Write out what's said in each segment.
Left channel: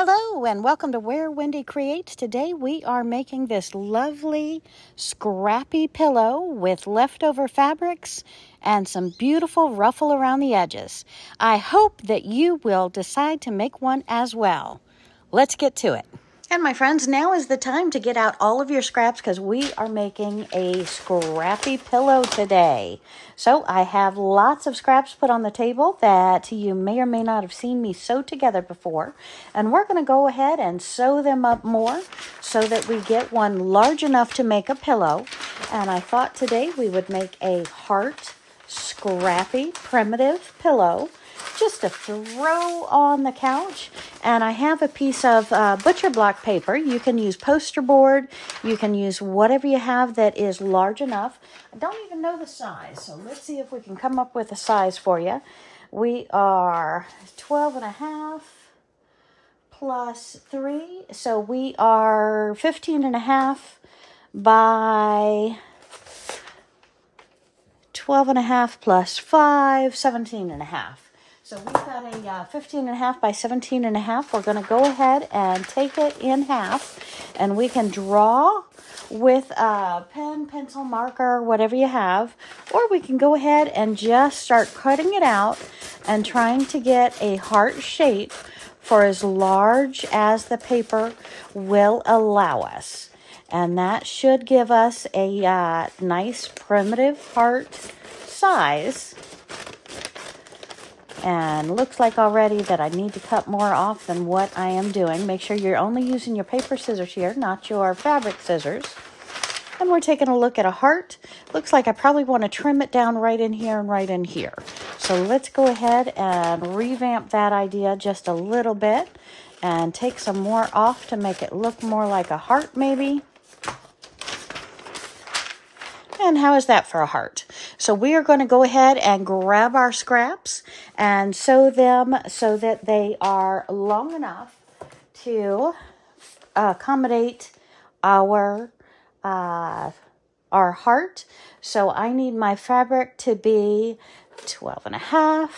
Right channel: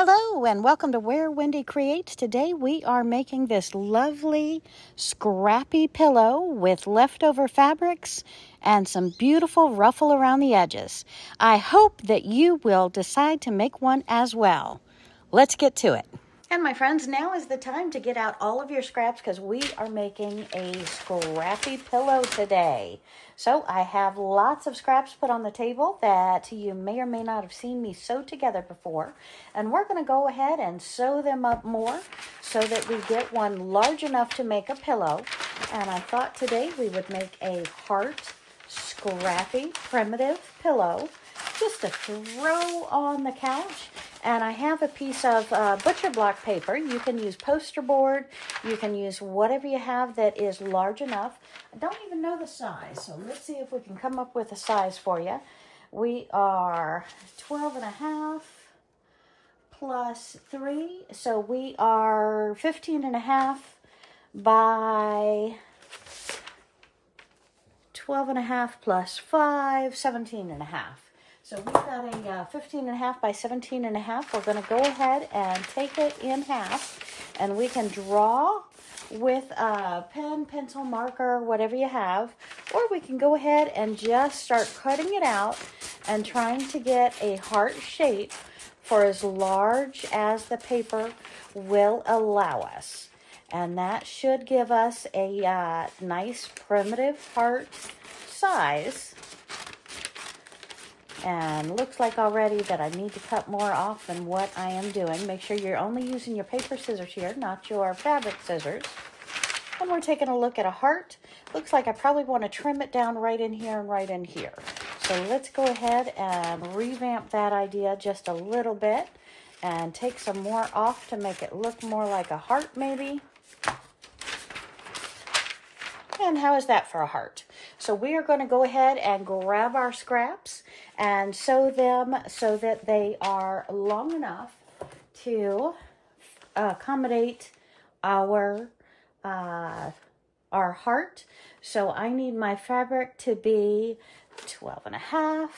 Hello and welcome to Where Wendy Creates. Today we are making this lovely scrappy pillow with leftover fabrics and some beautiful ruffle around the edges. I hope that you will decide to make one as well. Let's get to it. And my friends, now is the time to get out all of your scraps because we are making a scrappy pillow today. So I have lots of scraps put on the table that you may or may not have seen me sew together before. And we're going to go ahead and sew them up more so that we get one large enough to make a pillow. And I thought today we would make a heart scrappy primitive pillow just to throw on the couch. And I have a piece of butcher block paper. You can use poster board. You can use whatever you have that is large enough. I don't even know the size, so let's see if we can come up with a size for you. We are 12.5 plus 3, so we are 15.5 by 12.5 plus 5, 17.5. So we've got a 15.5 by 17.5. We're going to go ahead and take it in half, and we can draw with a pen, pencil, marker, whatever you have, or we can go ahead and just start cutting it out and trying to get a heart shape for as large as the paper will allow us. And that should give us a nice primitive heart size. And looks like already that I need to cut more off than what I am doing. Make sure you're only using your paper scissors here, not your fabric scissors. And we're taking a look at a heart. Looks like I probably want to trim it down right in here and right in here. So let's go ahead and revamp that idea just a little bit and take some more off to make it look more like a heart maybe. And how is that for a heart? So we are going to go ahead and grab our scraps and sew them so that they are long enough to accommodate our heart. So I need my fabric to be 12.5.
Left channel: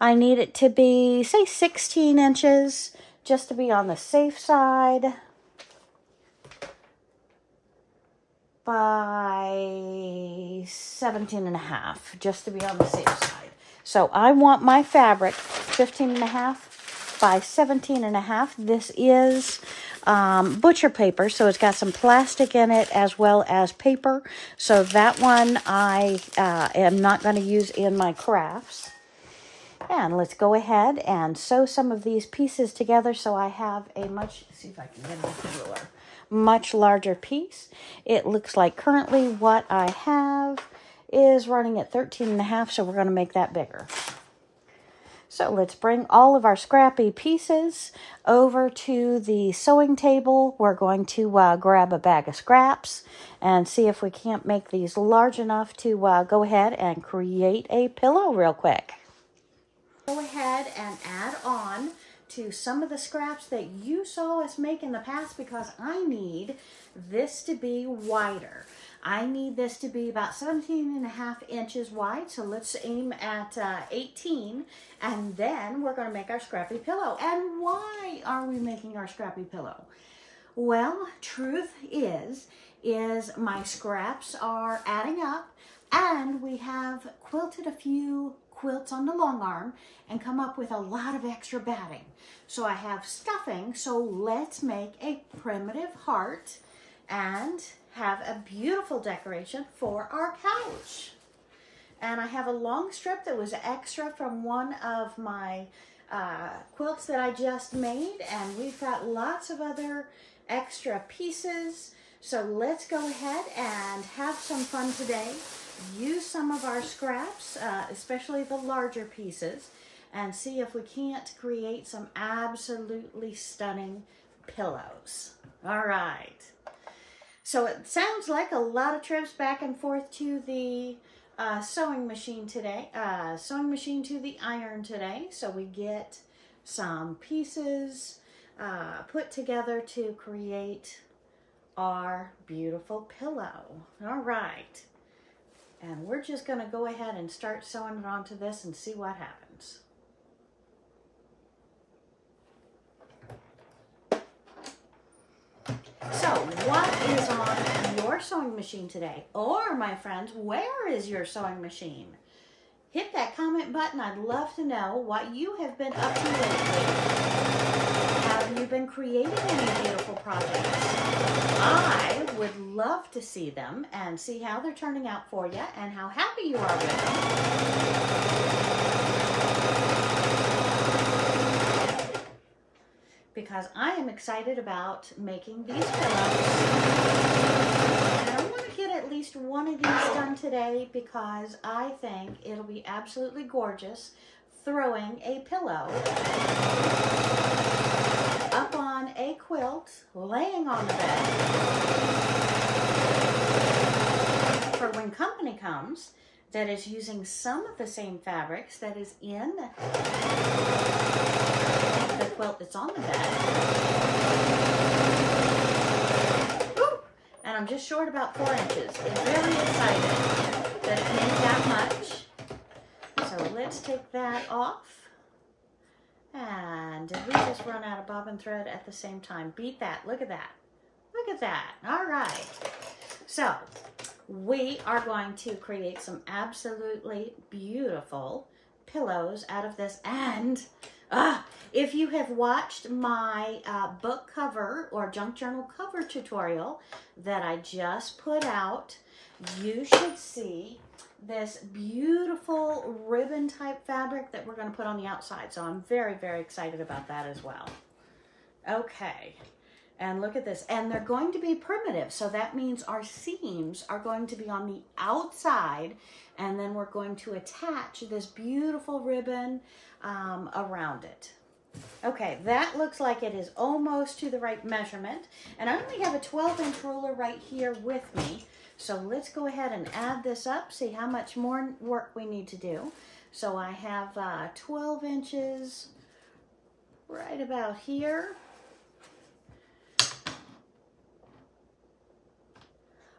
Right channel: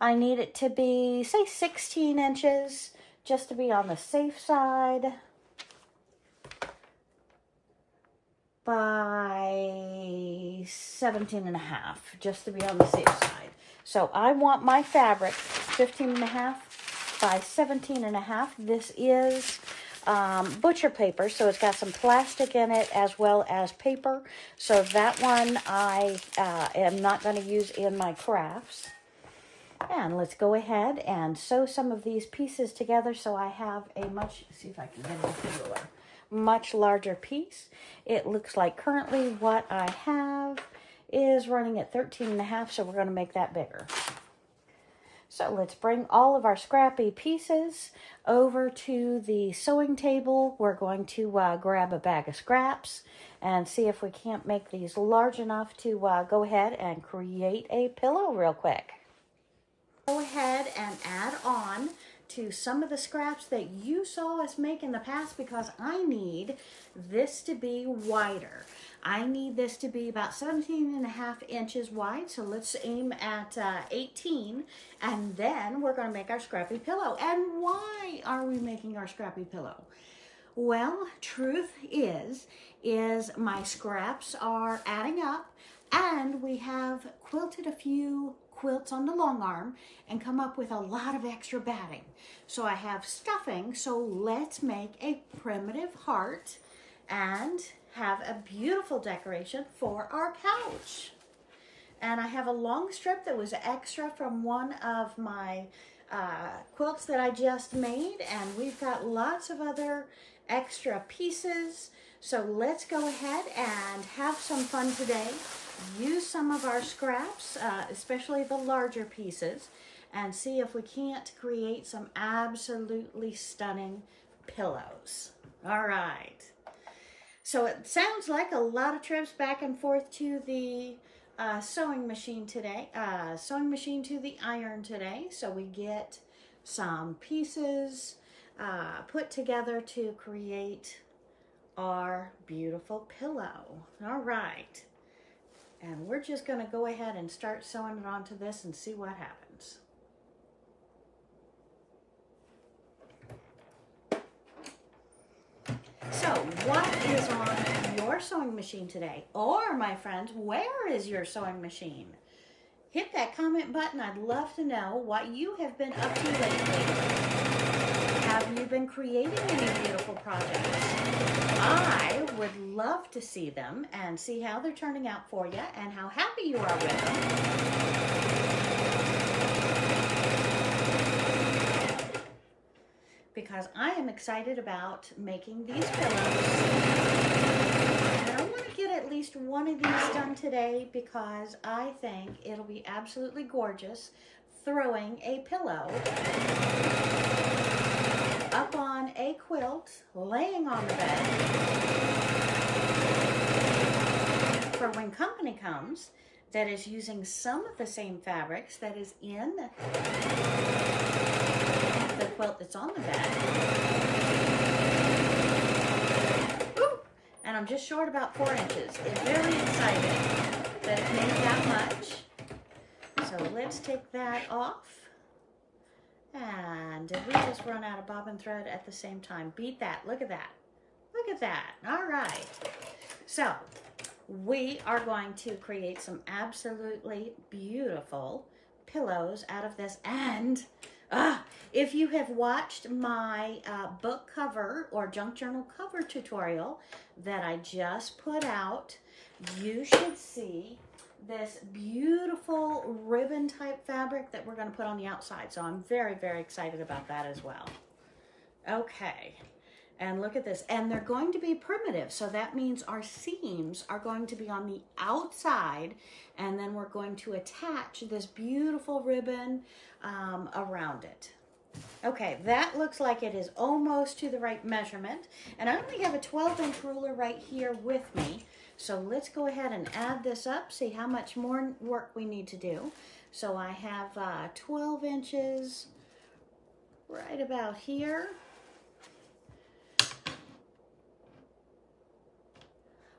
I need it to be, say, 16 inches, just to be on the safe side. By 17.5, just to be on the safe side. So I want my fabric 15.5 by 17.5. This is butcher paper, so it's got some plastic in it as well as paper. So that one I am not going to use in my crafts. And let's go ahead and sew some of these pieces together so I have a see if I can get it ruler. Much larger piece. It looks like currently what I have is running at 13.5, so we're going to make that bigger. So let's bring all of our scrappy pieces over to the sewing table. We're going to grab a bag of scraps and see if we can't make these large enough to go ahead and create a pillow real quick. Go ahead and add on to some of the scraps that you saw us make in the past because I need this to be wider. I need this to be about 17.5 inches wide, so let's aim at 18, and then we're going to make our scrappy pillow. And why are we making our scrappy pillow? Well, truth is my scraps are adding up, and we have quilted a few quilts on the long arm and come up with a lot of extra batting. So I have stuffing, so let's make a primitive heart and have a beautiful decoration for our couch. And I have a long strip that was extra from one of my quilts that I just made, and we've got lots of other extra pieces. So let's go ahead and have some fun today. Use some of our scraps, especially the larger pieces, and see if we can't create some absolutely stunning pillows. All right. So it sounds like a lot of trips back and forth to the sewing machine today, sewing machine to the iron today. So we get some pieces put together to create our beautiful pillow. All right. And we're just going to go ahead and start sewing it onto this and see what happens. on your sewing machine today? Or, my friends, where is your sewing machine? Hit that comment button. I'd love to know what you have been up to lately. Have you been creating any beautiful projects? I would love to see them and see how they're turning out for you and how happy you are with them. Because I am excited about making these pillows. And I want to get at least one of these done today because I think it'll be absolutely gorgeous throwing a pillow up on a quilt, laying on the bed, for when company comes that is using some of the same fabrics that is in the quilt that's on the bed. Ooh, and I'm just short about 4 inches. I'm very excited that it made that much. So let's take that off. And did we just run out of bobbin thread at the same time? Beat that. Look at that. Look at that. All right. So we are going to create some absolutely beautiful pillows out of this. And if you have watched my book cover or junk journal cover tutorial that I just put out, you should see this beautiful ribbon type fabric that we're going to put on the outside. So I'm very, very excited about that as well. Okay. And look at this. And they're going to be primitive. So that means our seams are going to be on the outside. And then we're going to attach this beautiful ribbon around it. Okay, that looks like it is almost to the right measurement. And I only have a 12-inch ruler right here with me. So let's go ahead and add this up, see how much more work we need to do. So I have 12 inches right about here.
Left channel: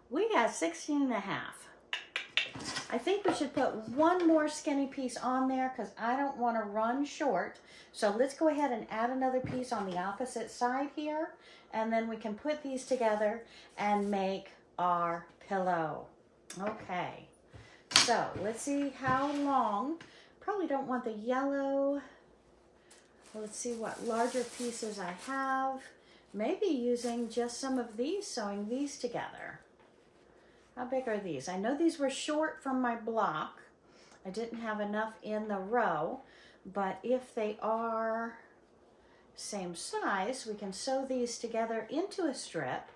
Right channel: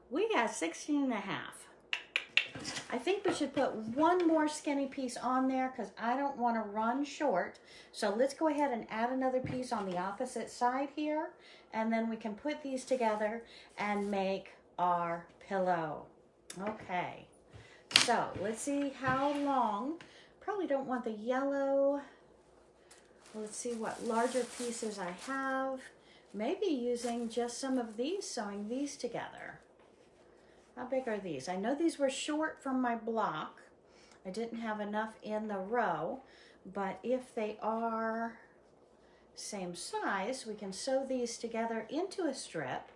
We got 16.5. I think we should put one more skinny piece on there because I don't want to run short. So let's go ahead and add another piece on the opposite side here. And then we can put these together and make our pillow. Okay, so let's see how long. Probably don't want the yellow. Let's see what larger pieces I have. Maybe using just some of these, sewing these together. How big are these? I know these were short from my block. I didn't have enough in the row, but if they are same size, we can sew these together into a strip.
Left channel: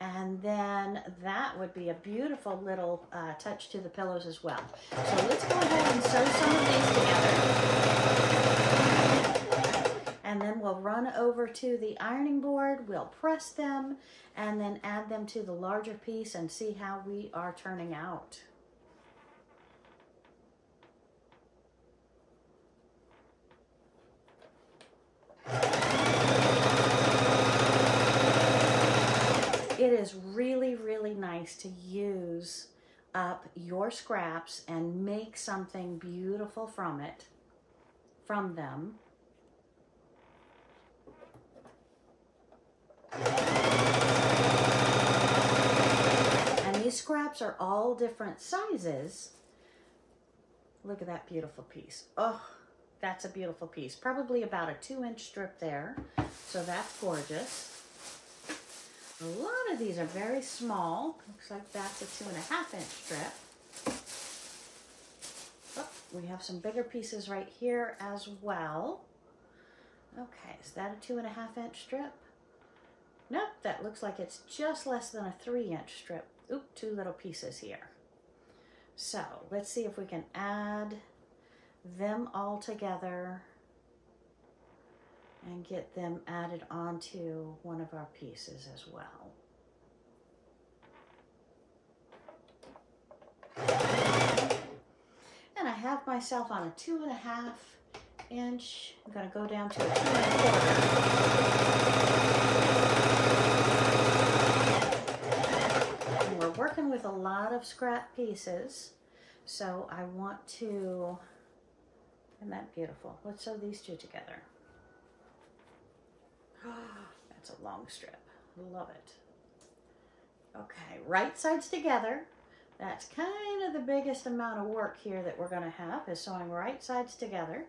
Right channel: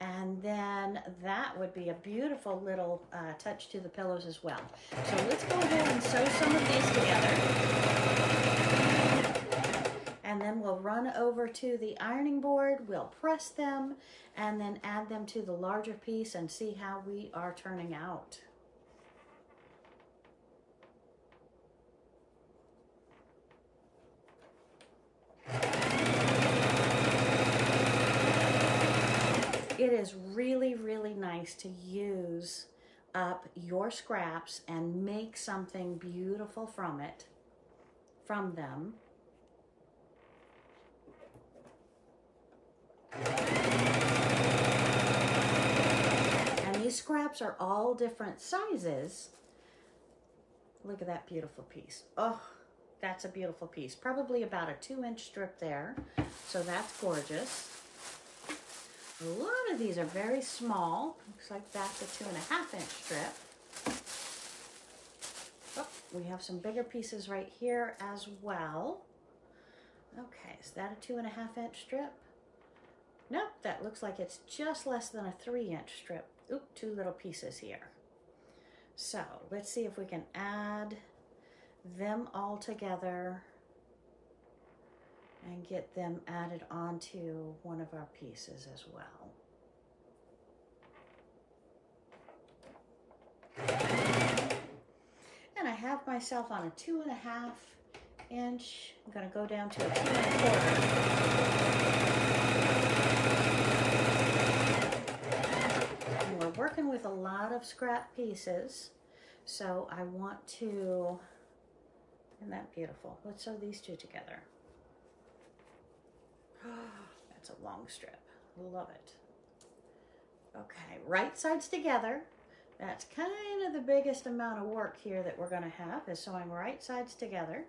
And then that would be a beautiful little touch to the pillows as well. So let's go ahead and sew some of these together. And then we'll run over to the ironing board, we'll press them, and then add them to the larger piece and see how we are turning out. It is really, really nice to use up your scraps and make something beautiful from them. And these scraps are all different sizes. Look at that beautiful piece. Oh, that's a beautiful piece. Probably about a 2-inch strip there. So that's gorgeous. A lot of these are very small. Looks like that's a 2.5-inch strip. Oh, we have some bigger pieces right here as well. Okay, is that a 2.5-inch strip? Nope, that looks like it's just less than a 3-inch strip. Oop, 2 little pieces here. So let's see if we can add them all together and get them added onto one of our pieces as well. And I have myself on a 2.5-inch. I'm going to go down to a 2.25. And we're working with a lot of scrap pieces, so I want to, isn't that beautiful? Let's sew these two together. That's a long strip. Love it. Okay, right sides together. That's kind of the biggest amount of work here that we're going to have, is sewing right sides together.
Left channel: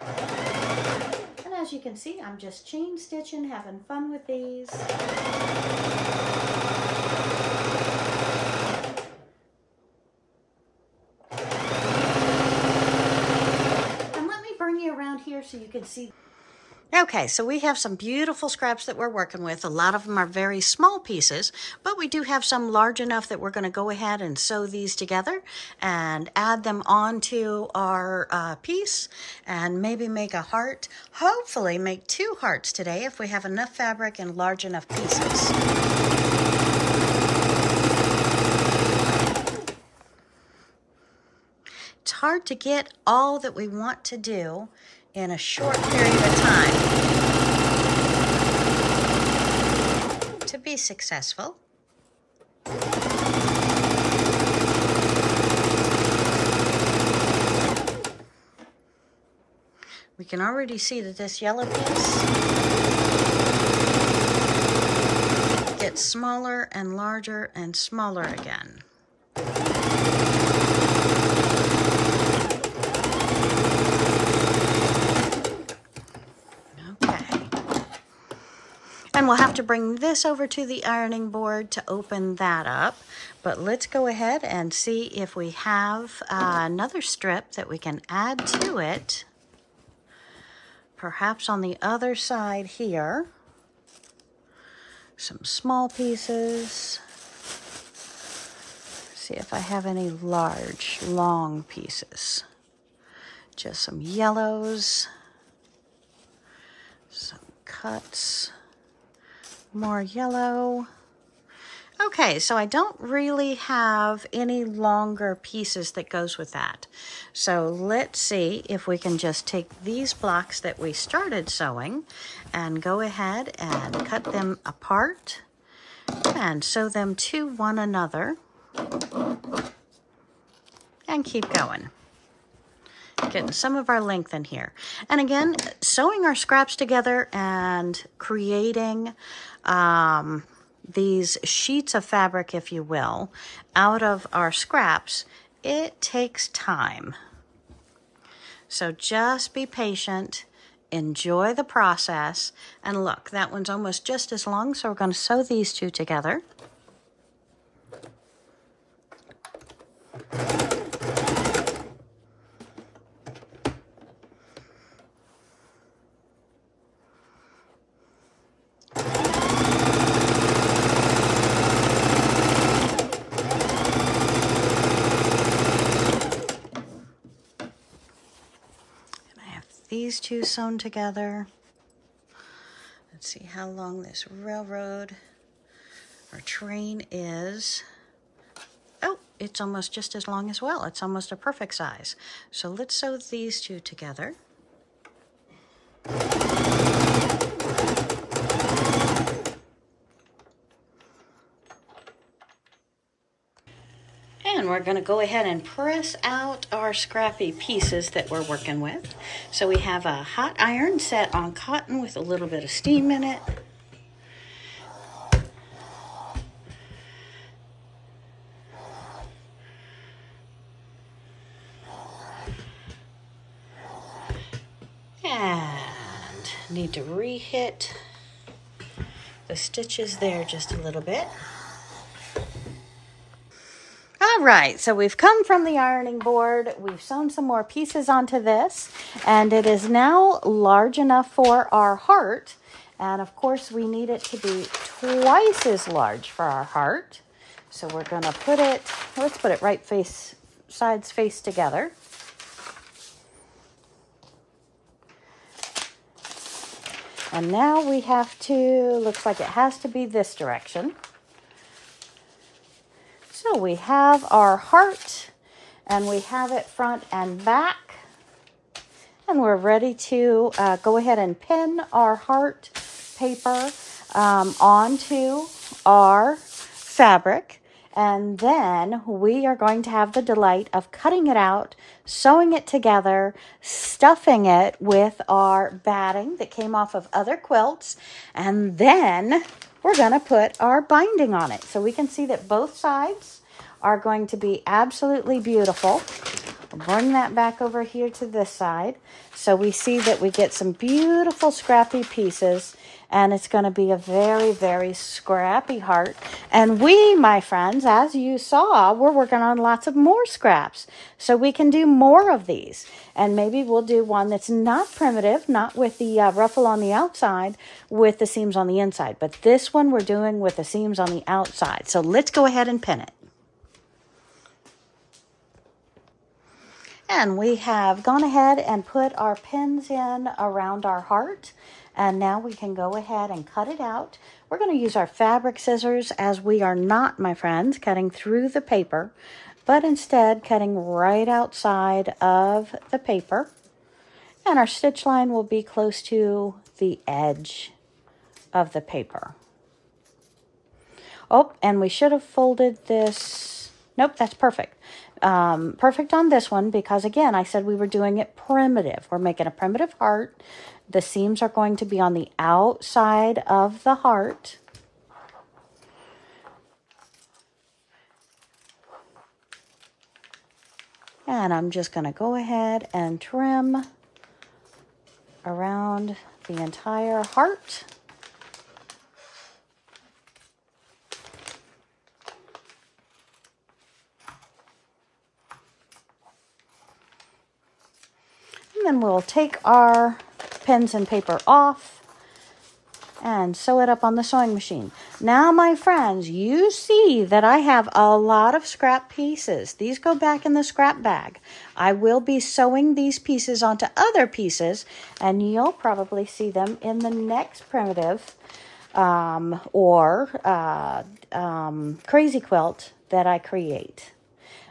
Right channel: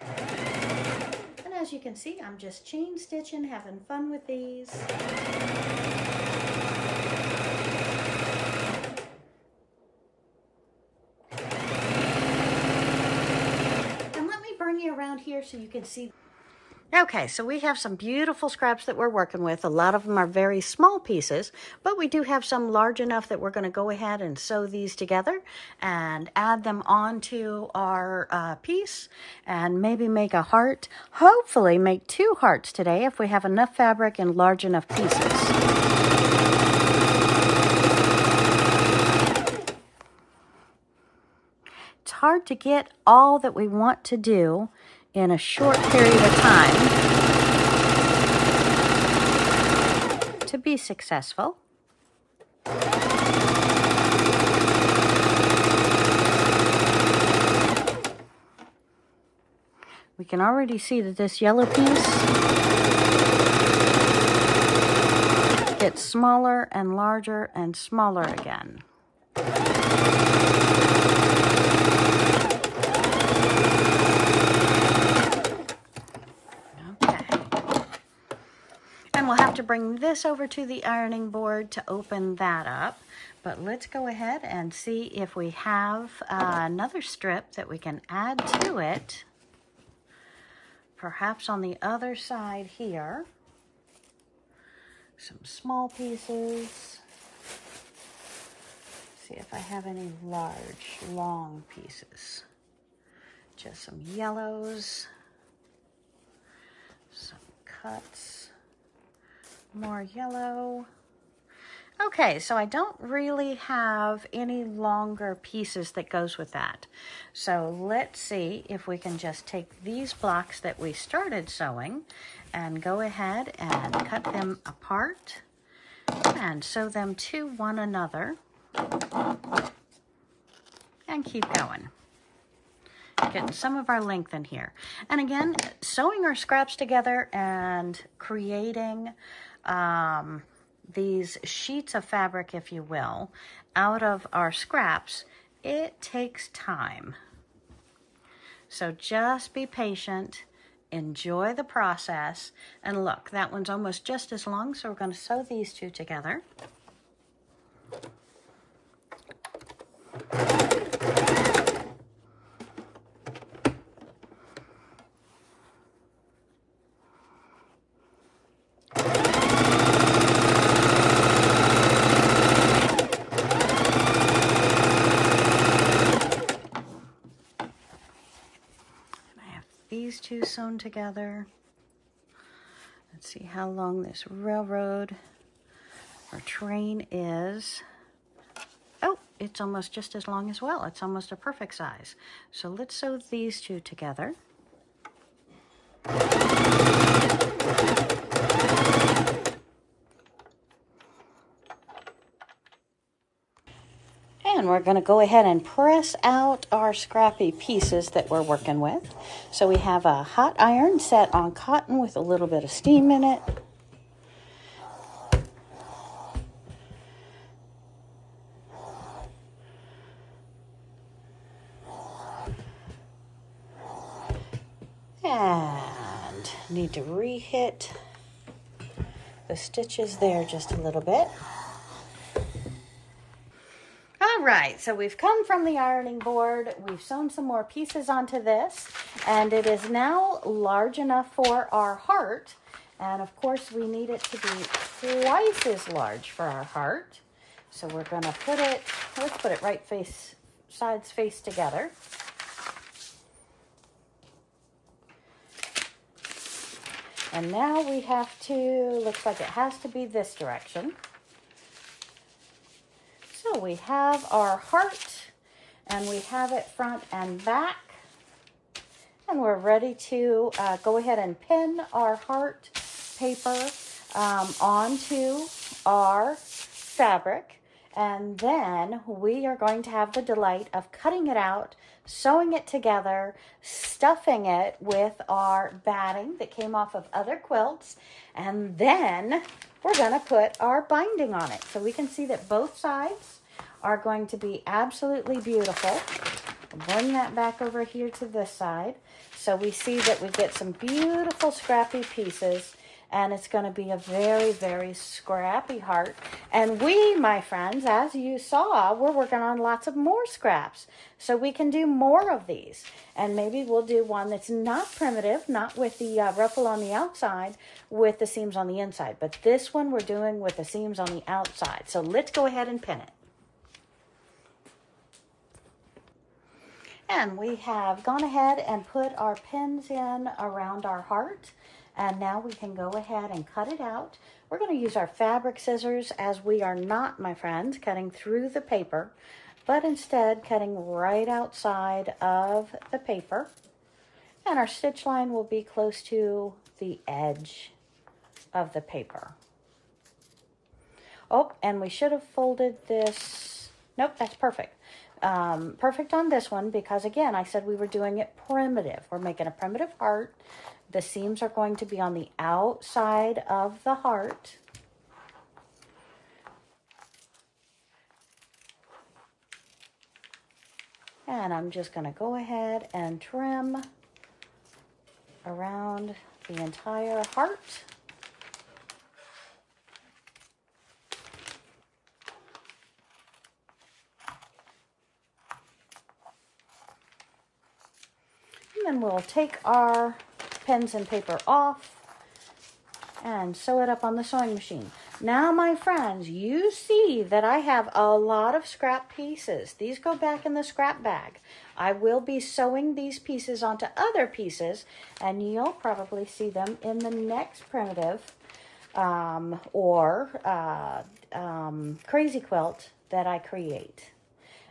And as you can see, I'm just chain stitching, having fun with these. And let me bring you around here so you can see. Okay, so we have some beautiful scraps that we're working with. A lot of them are very small pieces, but we do have some large enough that we're going to go ahead and sew these together and add them onto our piece and maybe make a heart. Hopefully make 2 hearts today if we have enough fabric and large enough pieces. It's hard to get all that we want to do in a short period of time to be successful. We can already see that this yellow piece gets smaller and larger and smaller again. And we'll have to bring this over to the ironing board to open that up. But let's go ahead and see if we have another strip that we can add to it. Perhaps on the other side here. Some small pieces. See if I have any large, long pieces. Just some yellows. Some cuts. More yellow. Okay, so I don't really have any longer pieces that goes with that. So let's see if we can just take these blocks that we started sewing and go ahead and cut them apart and sew them to one another and keep going. Getting some of our length in here. And again, sewing our scraps together and creating these sheets of fabric, if you will, out of our scraps, it takes time. So just be patient, enjoy the process, and look, that one's almost just as long, so we're going to sew these 2 together. These 2 sewn together. Let's see how long this railroad or train is. Oh, it's almost just as long as well. It's almost a perfect size. So let's sew these 2 together. And we're going to go ahead and press out our scrappy pieces that we're working with. So we have a hot iron set on cotton with a little bit of steam in it. And need to re-hit the stitches there just a little bit. All right, so we've come from the ironing board. We've sewn some more pieces onto this, and it is now large enough for our heart. And of course, we need it to be twice as large for our heart. So we're going to put it, let's put it right sides face together. And now we have to, looks like it has to be this direction. So we have our heart, and we have it front and back, and we're ready to go ahead and pin our heart paper onto our fabric. And then we are going to have the delight of cutting it out, sewing it together, stuffing it with our batting that came off of other quilts, and then we're going to put our binding on it. So we can see that both sides are going to be absolutely beautiful. I'll bring that back over here to this side. So we see that we get some beautiful scrappy pieces, and it's going to be a very, very scrappy heart. And we, my friends, as you saw, we're working on lots of more scraps. So we can do more of these. And maybe we'll do one that's not primitive, not with the ruffle on the outside, with the seams on the inside. But this one we're doing with the seams on the outside. So let's go ahead and pin it. And we have gone ahead and put our pins in around our heart. And now we can go ahead and cut it out. We're going to use our fabric scissors, as we are not, my friends, cutting through the paper, but instead cutting right outside of the paper. And our stitch line will be close to the edge of the paper. Oh, and we should have folded this. Nope, that's perfect. Perfect on this one because, again, I said we were doing it primitive. We're making a primitive heart. The seams are going to be on the outside of the heart. And I'm just going to go ahead and trim around the entire heart. And then we'll take our pins and paper off and sew it up on the sewing machine. Now, my friends, you see that I have a lot of scrap pieces. These go back in the scrap bag. I will be sewing these pieces onto other pieces, and you'll probably see them in the next primitive crazy quilt that I create.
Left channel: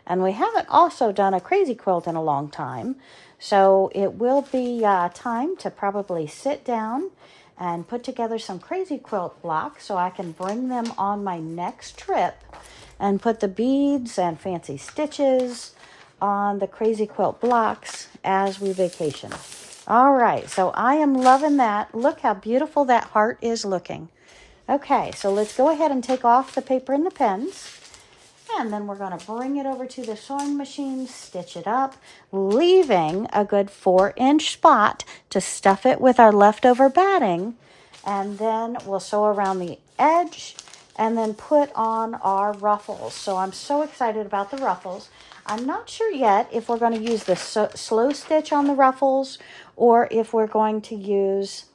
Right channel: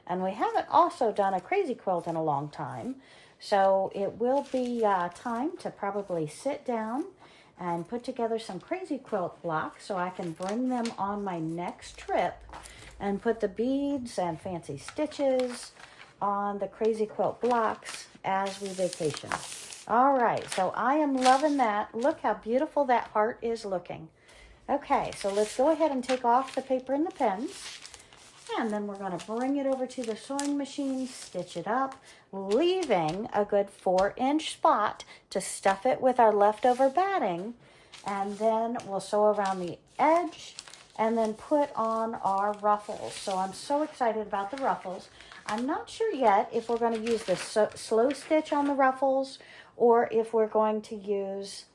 And we haven't also done a crazy quilt in a long time. So it will be time to probably sit down and put together some crazy quilt blocks so I can bring them on my next trip and put the beads and fancy stitches on the crazy quilt blocks as we vacation. All right, so I am loving that. Look how beautiful that heart is looking. Okay, so let's go ahead and take off the paper and the pens. And then we're going to bring it over to the sewing machine, stitch it up, leaving a good 4-inch spot to stuff it with our leftover batting. And then we'll sew around the edge and then put on our ruffles. So I'm so excited about the ruffles. I'm not sure yet if we're going to use the slow stitch on the ruffles or if we're going to use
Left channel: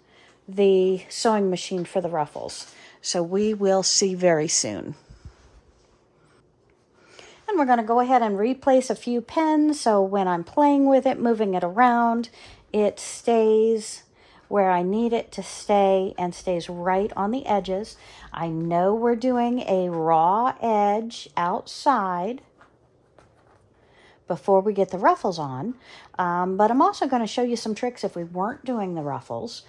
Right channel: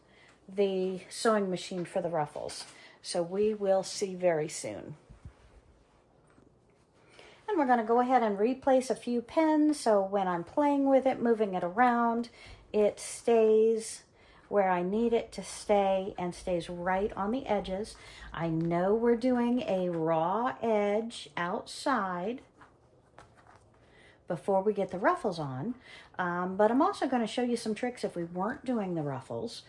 the sewing machine for the ruffles. So we will see very soon. And we're going to go ahead and replace a few pens so when I'm playing with it, moving it around, it stays where I need it to stay and stays right on the edges. I know we're doing a raw edge outside before we get the ruffles on, but I'm also going to show you some tricks if we weren't doing the ruffles.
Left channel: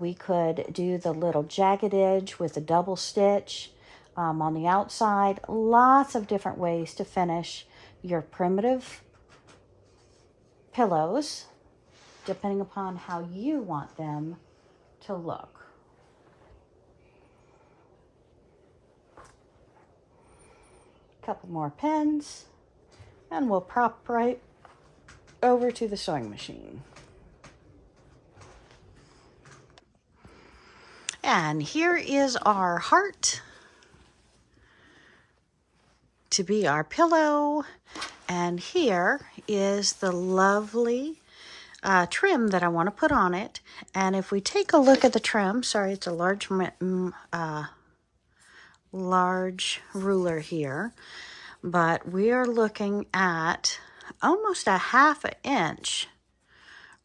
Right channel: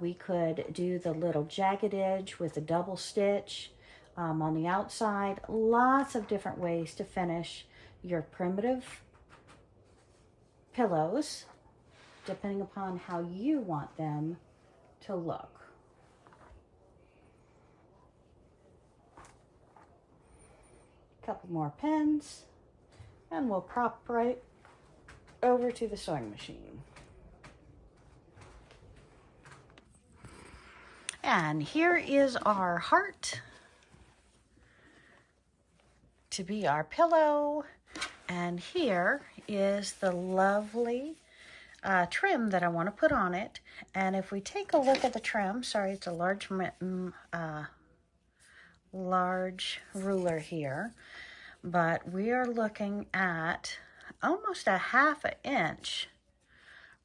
We could do the little jagged edge with a double stitch. On the outside, lots of different ways to finish your primitive pillows, depending upon how you want them to look. Couple more pins, and we'll prop right over to the sewing machine. And here is our heart to be our pillow, and here is the lovely trim that I want to put on it. And if we take a look at the trim, sorry, it's a large ruler here, but we are looking at almost a 1/2 inch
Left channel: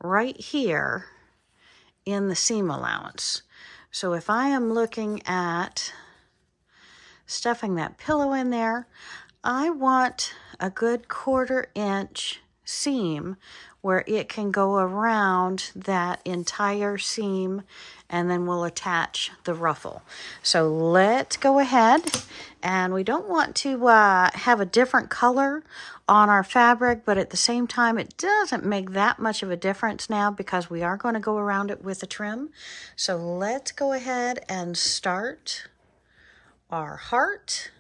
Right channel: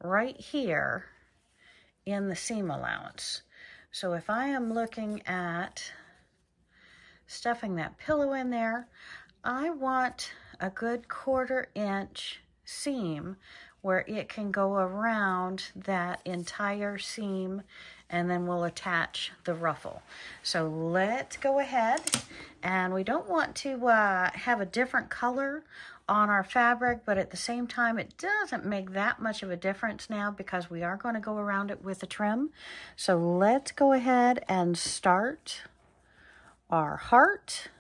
right here in the seam allowance. So if I am looking at stuffing that pillow in there, I want a good 1/4 inch seam where it can go around that entire seam, and then we'll attach the ruffle. So let's go ahead, and we don't want to have a different color on our fabric, but at the same time, it doesn't make that much of a difference now because we are going to go around it with a trim. So let's go ahead and start our heart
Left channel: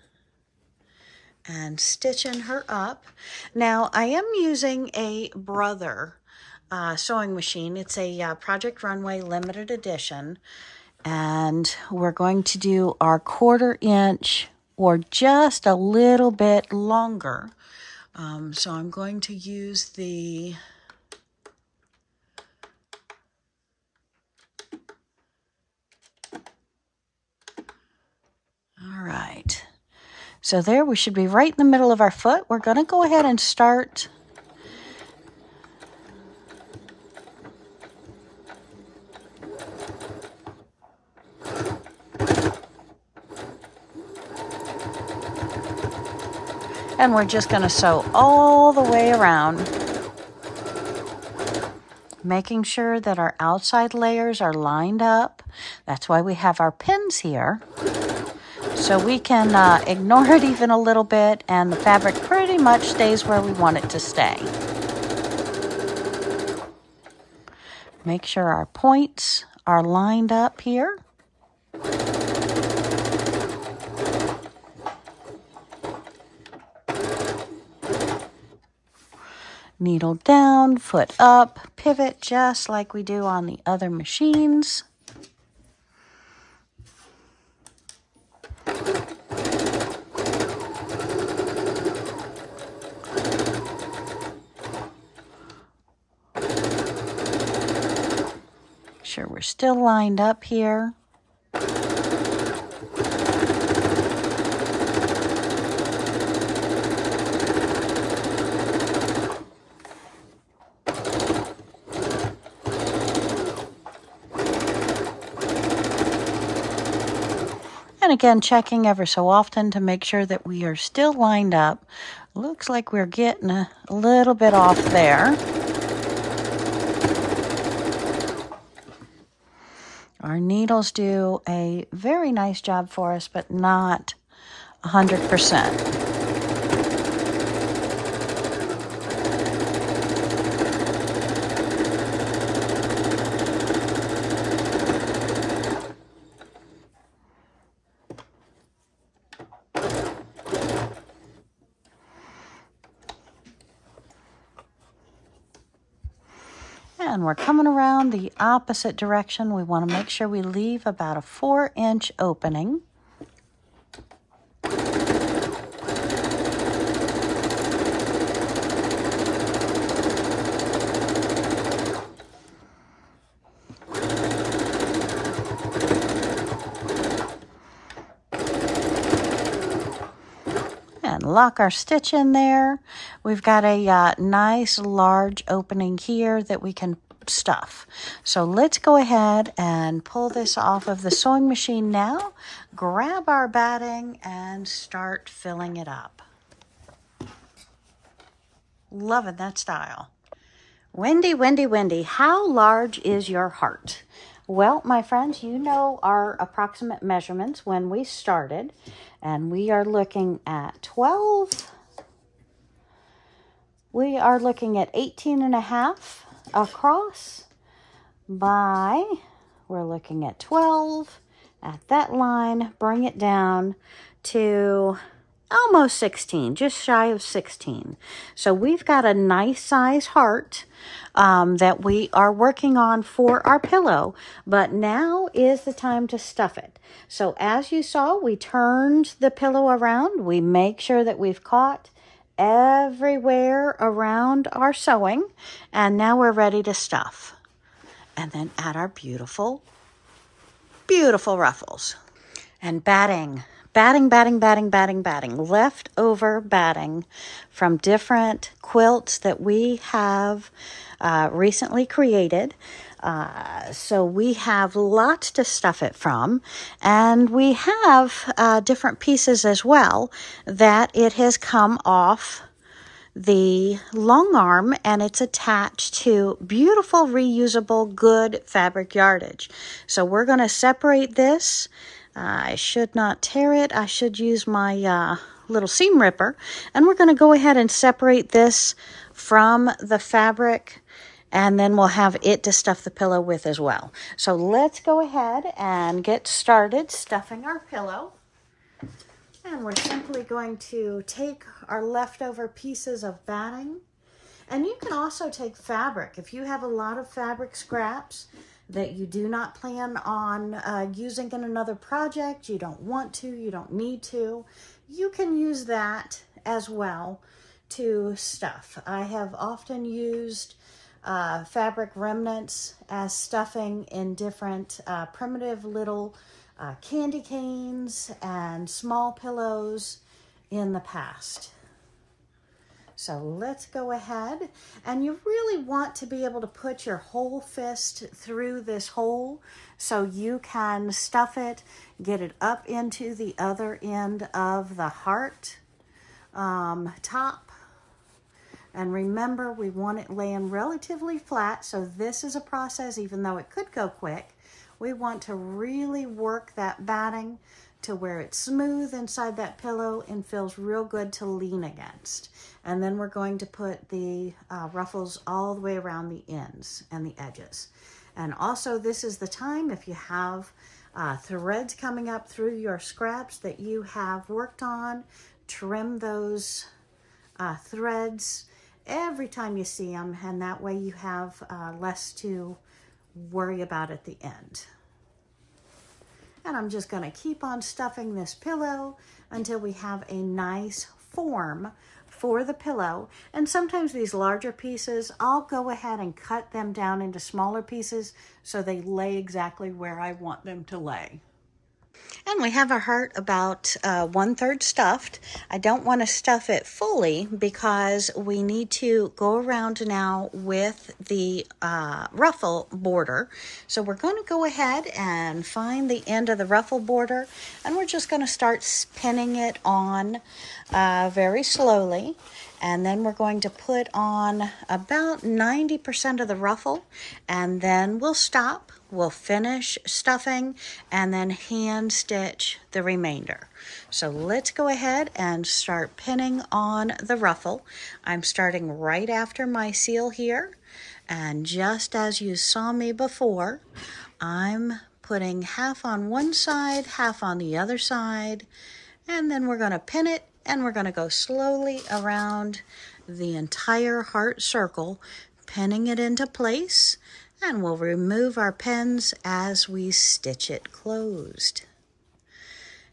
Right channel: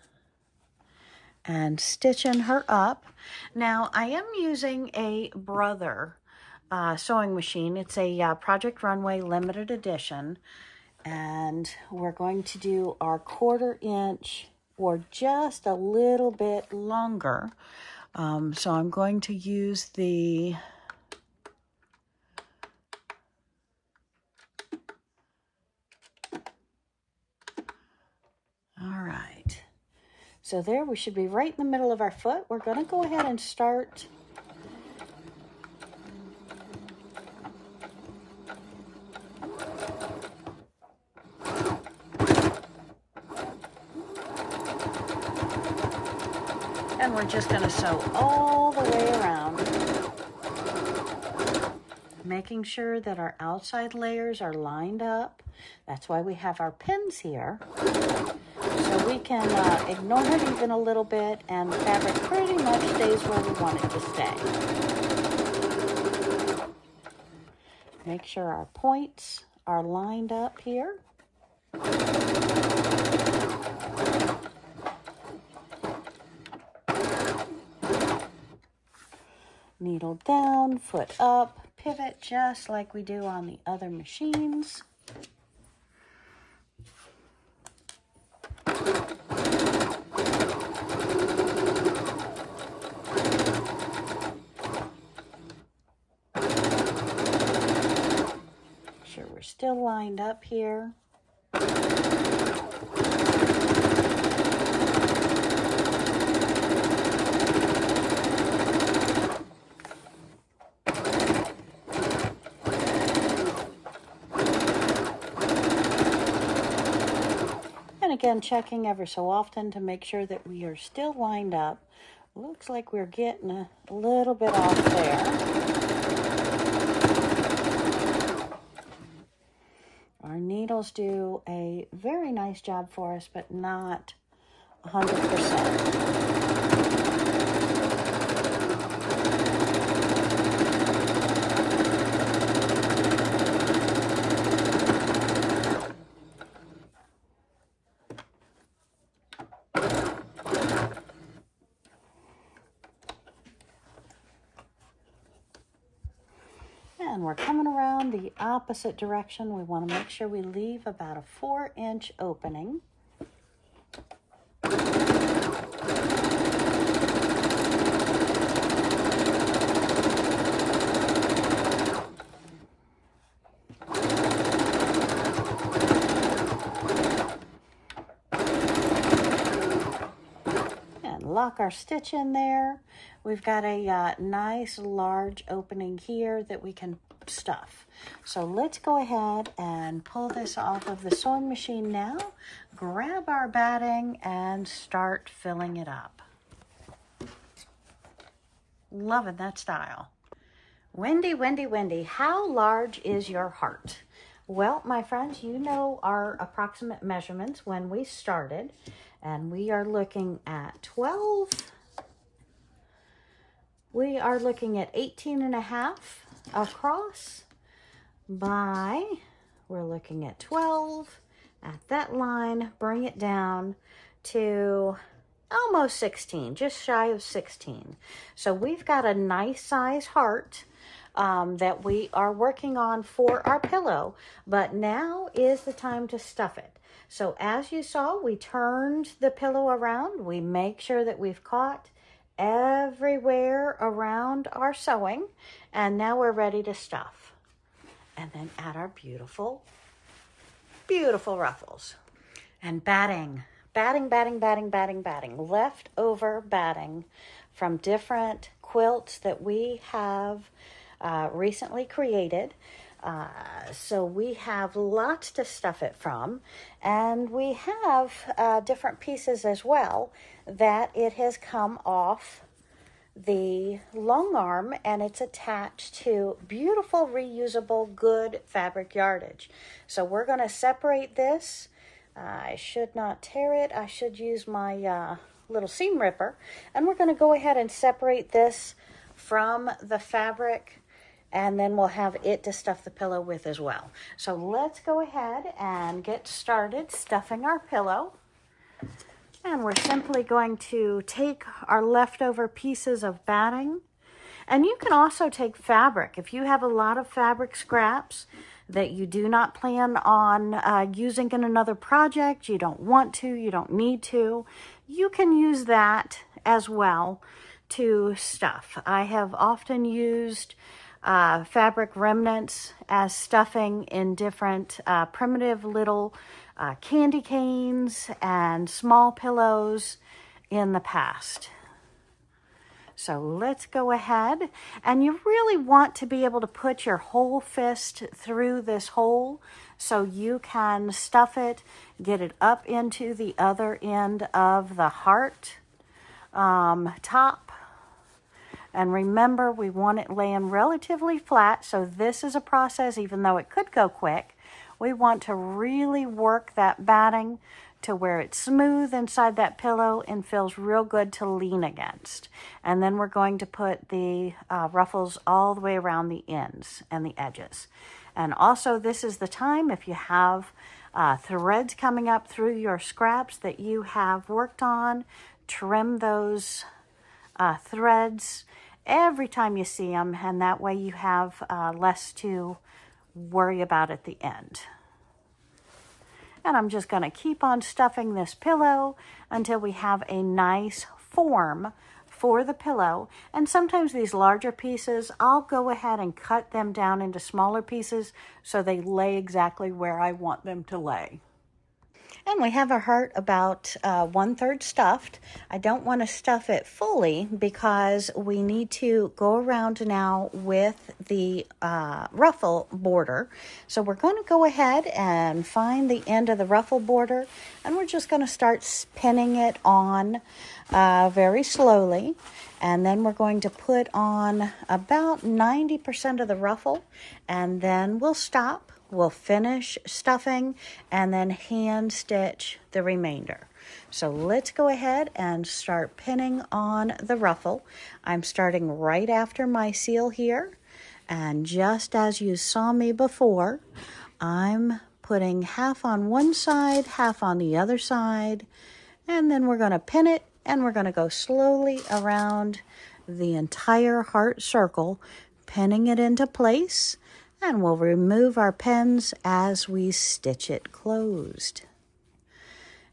and stitching her up. Now, I am using a Brother sewing machine. It's a Project Runway limited edition, and we're going to do our 1/4 inch or just a little bit longer. So I'm going to use the all right. So there, we should be right in the middle of our foot. We're going to go ahead and start and we're just going to sew all the way around, making sure that our outside layers are lined up. That's why we have our pins here. So we can ignore it even a little bit, and the fabric pretty much stays where we want it to stay. Make sure our points are lined up here. Needle down, foot up, pivot just like we do on the other machines. Make sure we're still lined up here. And again, checking ever so often to make sure that we are still lined up. Looks like we're getting a little bit off there. Our needles do a very nice job for us, but not 100%. And we're coming around the opposite direction. We want to make sure we leave about a 4-inch opening. Lock our stitch in there. We've got a nice large opening here that we can stuff. So let's go ahead and pull this off of the sewing machine now, grab our batting, and start filling it up. Loving that style. Wendy, Wendy, Wendy, how large is your heart? Well, my friends, you know our approximate measurements when we started, and we are looking at 12. We are looking at 18.5 across by, we're looking at 12 at that line, bring it down to almost 16, just shy of 16. So we've got a nice size heart that we are working on for our pillow, but now is the time to stuff it. So as you saw, we turned the pillow around. We make sure that we've caught everywhere around our sewing, and now we're ready to stuff. And then add our beautiful, beautiful ruffles. And batting. Batting, batting, batting, batting, batting. Leftover batting from different quilts that we have recently created. So we have lots to stuff it from, and we have different pieces as well that it has come off the long arm, and it's attached to beautiful, reusable, good fabric yardage. So we're going to separate this. I should not tear it. I should use my little seam ripper. And we're going to go ahead and separate this from the fabric, and then we'll have it to stuff the pillow with as well. So let's go ahead and get started stuffing our pillow. And we're simply going to take our leftover pieces of batting. And you can also take fabric. If you have a lot of fabric scraps that you do not plan on using in another project, you don't want to, you don't need to, you can use that as well to stuff. I have often used fabric remnants as stuffing in different primitive little candy canes and small pillows in the past. So let's go ahead, and you really want to be able to put your whole fist through this hole so you can stuff it, get it up into the other end of the heart top. And remember, we want it laying relatively flat, so this is a process, even though it could go quick. We want to really work that batting to where it's smooth inside that pillow and feels real good to lean against. And then we're going to put the ruffles all the way around the ends and the edges. And also, this is the time, if you have threads coming up through your scraps that you have worked on, trim those threads every time you see them, and that way you have less to worry about at the end. And I'm just going to keep on stuffing this pillow until we have a nice form for the pillow. And sometimes these larger pieces, I'll go ahead and cut them down into smaller pieces so they lay exactly where I want them to lay. And we have our heart about 1/3 stuffed. I don't want to stuff it fully because we need to go around now with the ruffle border. So we're going to go ahead and find the end of the ruffle border, and we're just going to start pinning it on very slowly. And then we're going to put on about 90% of the ruffle, and then we'll stop. We'll finish stuffing and then hand stitch the remainder. So let's go ahead and start pinning on the ruffle. I'm starting right after my seal here. And just as you saw me before, I'm putting half on one side, half on the other side. And then we're going to pin it, and we're going to go slowly around the entire heart circle, pinning it into place. And we'll remove our pins as we stitch it closed.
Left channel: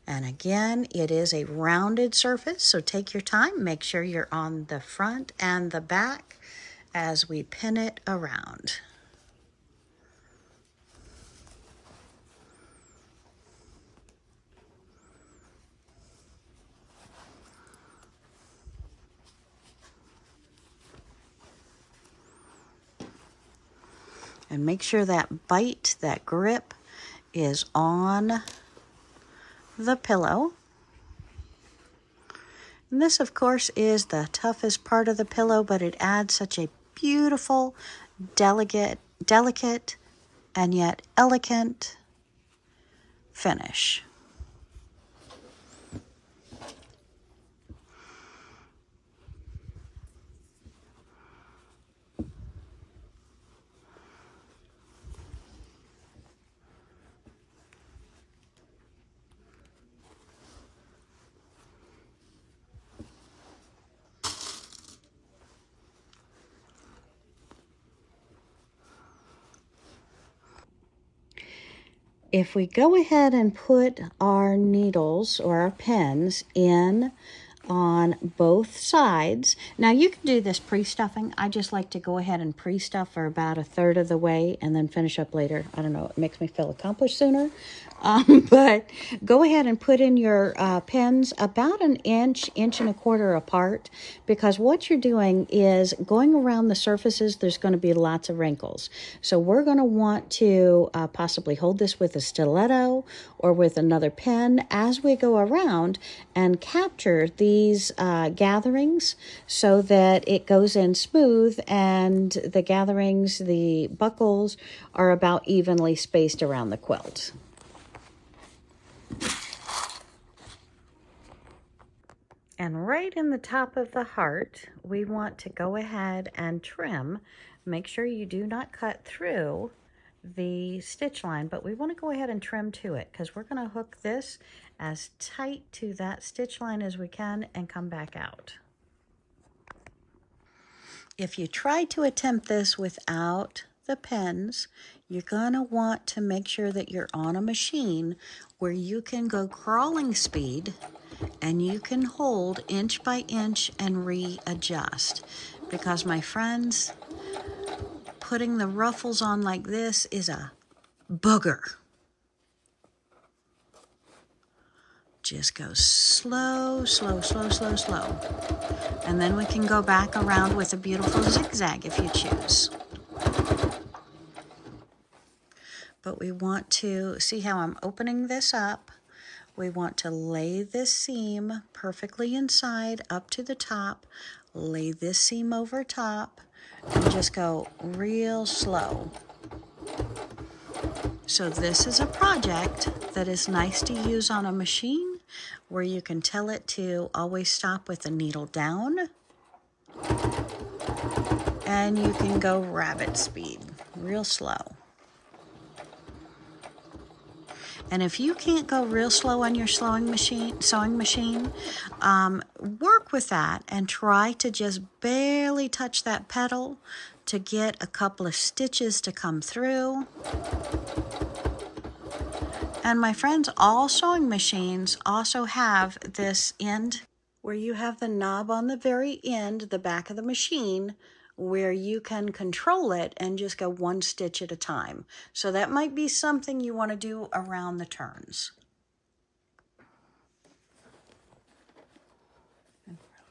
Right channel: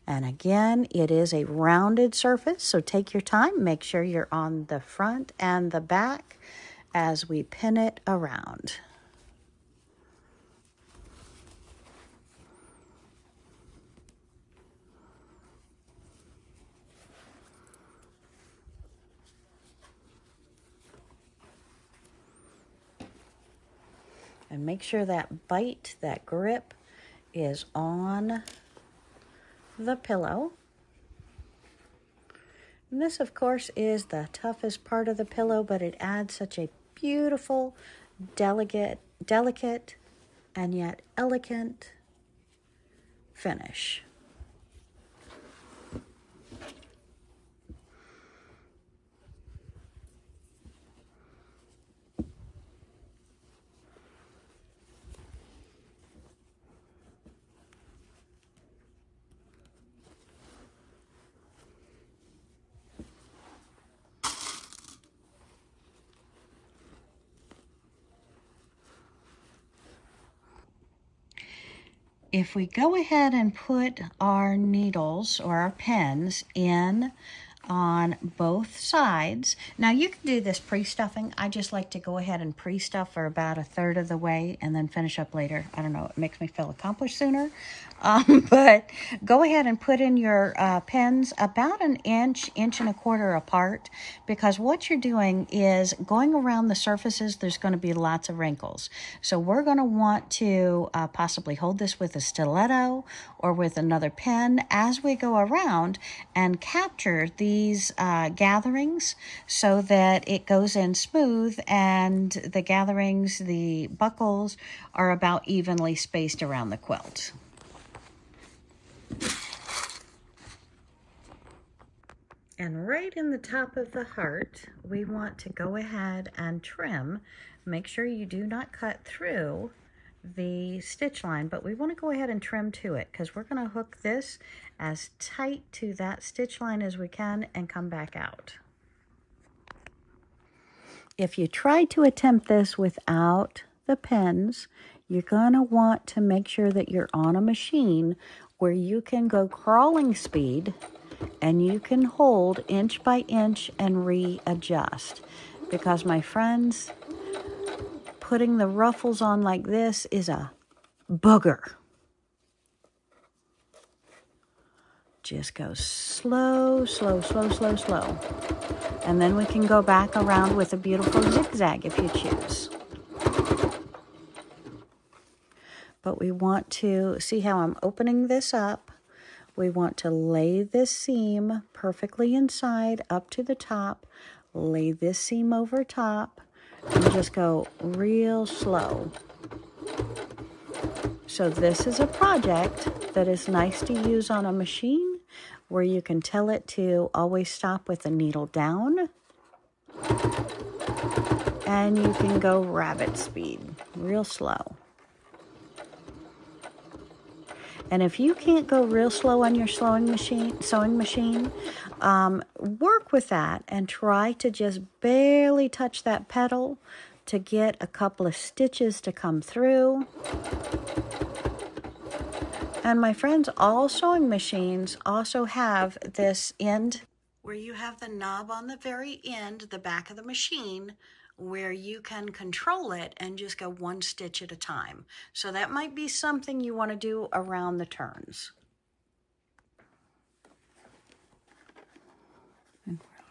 And again, it is a rounded surface, so take your time. Make sure you're on the front and the back as we pin it around. And make sure that bite, that grip, is on the pillow. And this, of course, is the toughest part of the pillow, but it adds such a beautiful, delicate, and yet elegant finish. If we go ahead and put our needles or our pins in on both sides. Now you can do this pre-stuffing. I just like to go ahead and pre-stuff for about 1/3 of the way and then finish up later. I don't know, it makes me feel accomplished sooner. But go ahead and put in your pins about 1 inch, 1.25 inches apart, because what you're doing is going around the surfaces, there's going to be lots of wrinkles. So we're going to want to possibly hold this with a stiletto or with another pin as we go around and capture the these gatherings so that it goes in smooth and the gatherings, the buckles, are about evenly spaced around the quilt. And right in the top of the heart, we want to go ahead and trim. Make sure you do not cut through the stitch line, but we want to go ahead and trim to it because we're going to hook this as tight to that stitch line as we can and come back out. If you try to attempt this without the pins, you're going to want to make sure that you're on a machine where you can go crawling speed and you can hold inch by inch and readjust. Because my friends, putting the ruffles on like this is a booger. Just go slow, slow, slow, slow, slow. And then we can go back around with a beautiful zigzag if you choose. But we want to, see how I'm opening this up? We want to lay this seam perfectly inside up to the top, lay this seam over top, and just go real slow. So this is a project that is nice to use on a machine where you can tell it to always stop with the needle down, and you can go rabbit speed, real slow. And if you can't go real slow on your sewing machine, work with that and try to just barely touch that pedal to get a couple of stitches to come through. And my friends, all sewing machines also have this end where you have the knob on the very end, the back of the machine, where you can control it and just go one stitch at a time. So that might be something you want to do around the turns.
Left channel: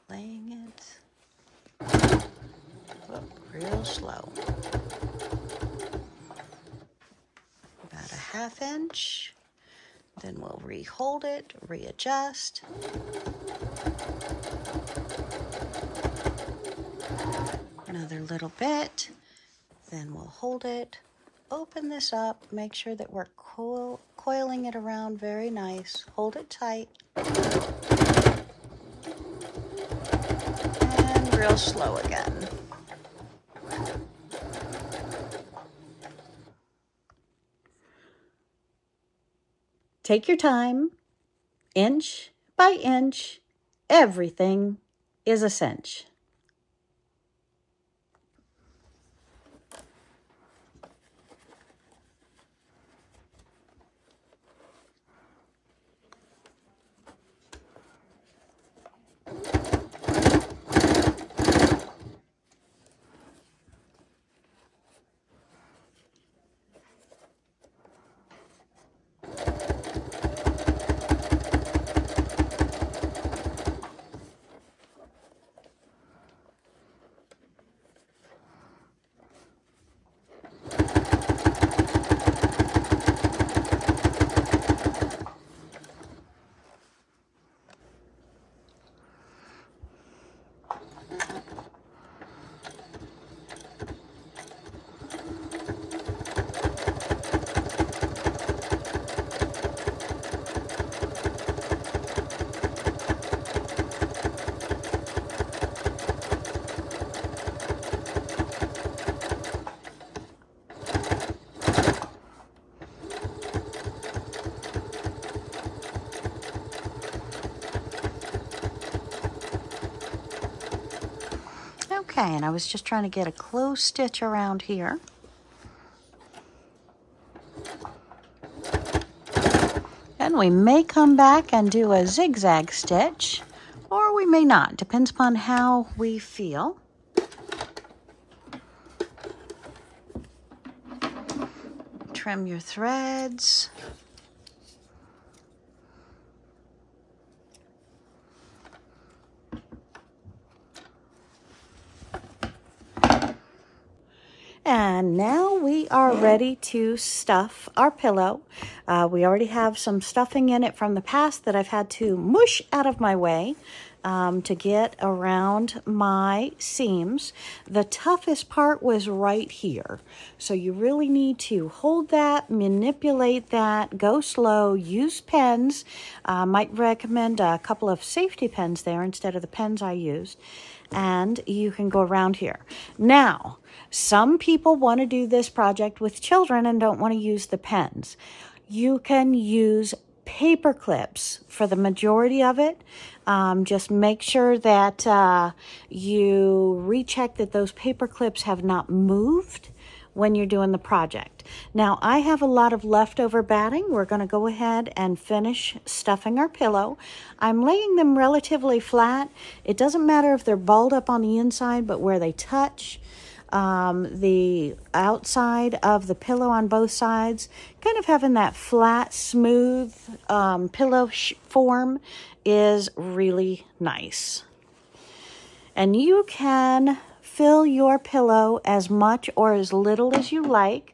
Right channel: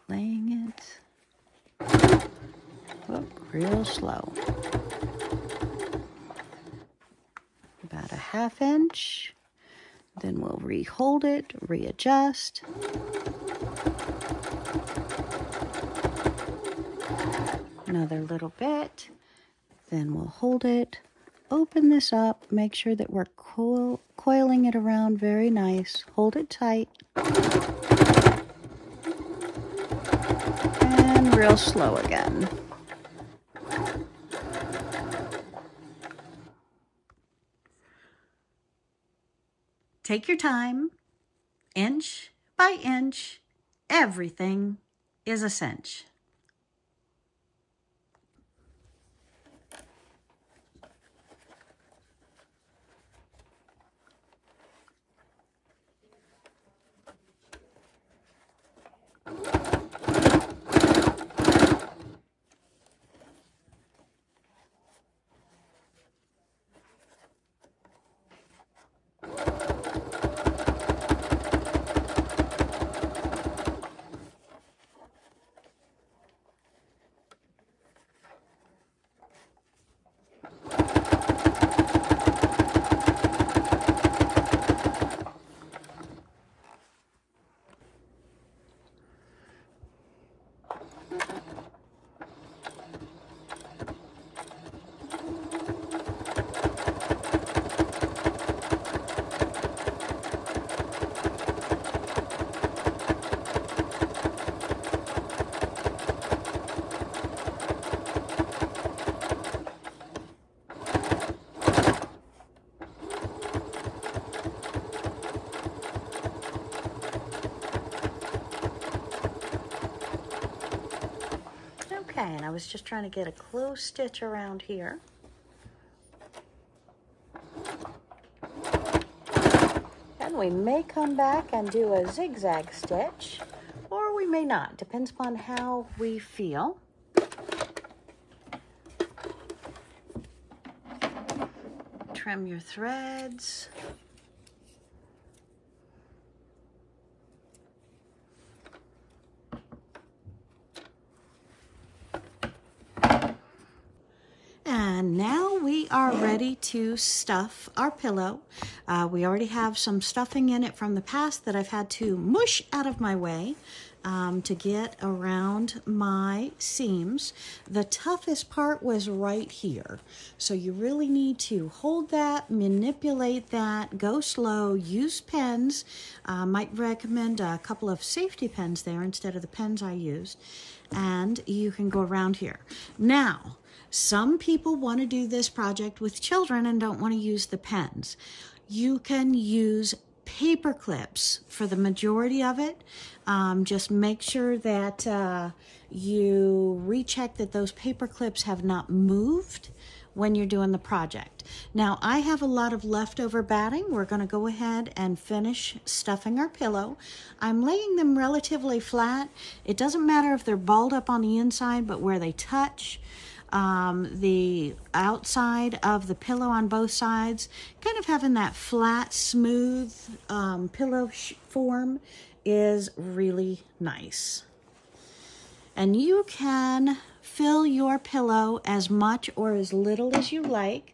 Laying it real slow. About a 1/2 inch. Then we'll re-hold it, readjust. Another little bit, then we'll hold it, open this up, make sure that we're coiling it around very nice, hold it tight, and real slow again. Take your time, inch by inch, everything is a cinch. Okay, and I was just trying to get a close stitch around here. And we may come back and do a zigzag stitch, or we may not, depends upon how we feel. Trim your threads. And now we are ready to stuff our pillow. We already have some stuffing in it from the past that I've had to mush out of my way to get around my seams. The toughest part was right here. So you really need to hold that, manipulate that, go slow, use pens. Might recommend a couple of safety pens there instead of the pens I used. And you can go around here. Now, some people want to do this project with children and don't want to use the pens. You can use paper clips for the majority of it. Just make sure that you recheck that those paper clips have not moved when you're doing the project. Now, I have a lot of leftover batting. We're going to go ahead and finish stuffing our pillow. I'm laying them relatively flat. It doesn't matter if they're balled up on the inside, but where they touch the outside of the pillow on both sides, kind of having that flat, smooth pillow form is really nice. And you can fill your pillow as much or as little as you like.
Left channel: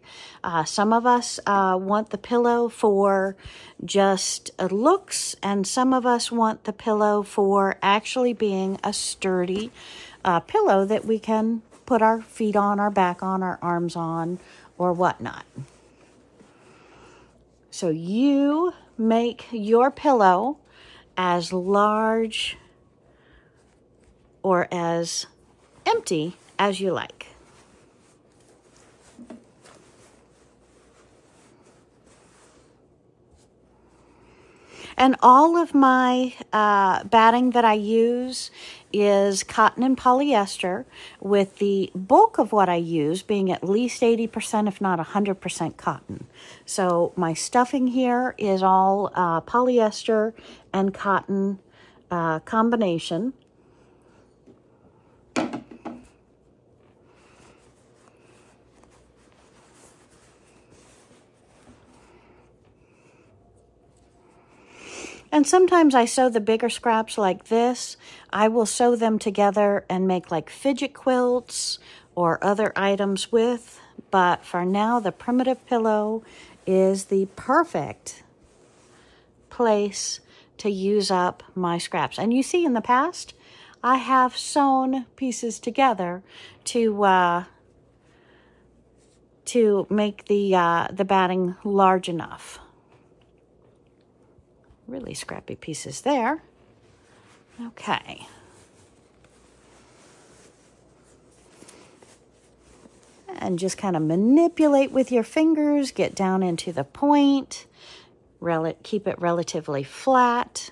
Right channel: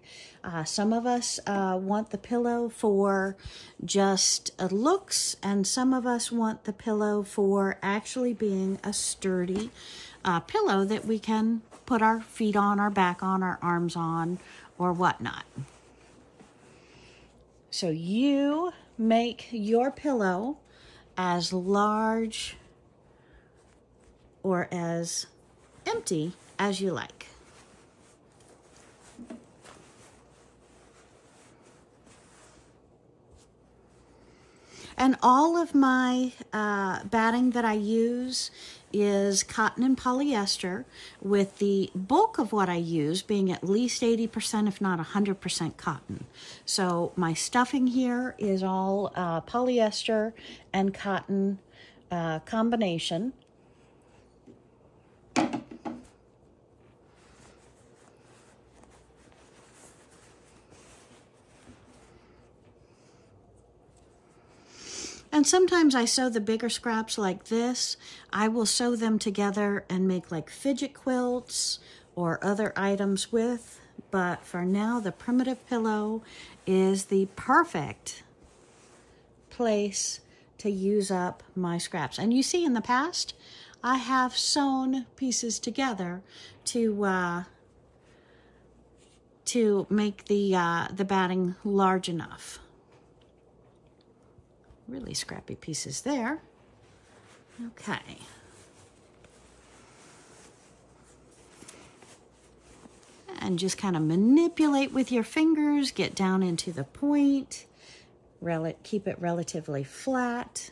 Some of us want the pillow for just looks, and some of us want the pillow for actually being a sturdy pillow that we can put our feet on, our back on, our arms on, or whatnot. So you make your pillow as large or as empty as you like. And all of my batting that I use is cotton and polyester, with the bulk of what I use being at least 80%, if not 100% cotton. So my stuffing here is all polyester and cotton combination. And sometimes I sew the bigger scraps like this. I will sew them together and make like fidget quilts or other items with. But for now, the primitive pillow is the perfect place to use up my scraps. And you see in the past, I have sewn pieces together to make the batting large enough. Really scrappy pieces there. Okay. And just kind of manipulate with your fingers, get down into the point, keep it relatively flat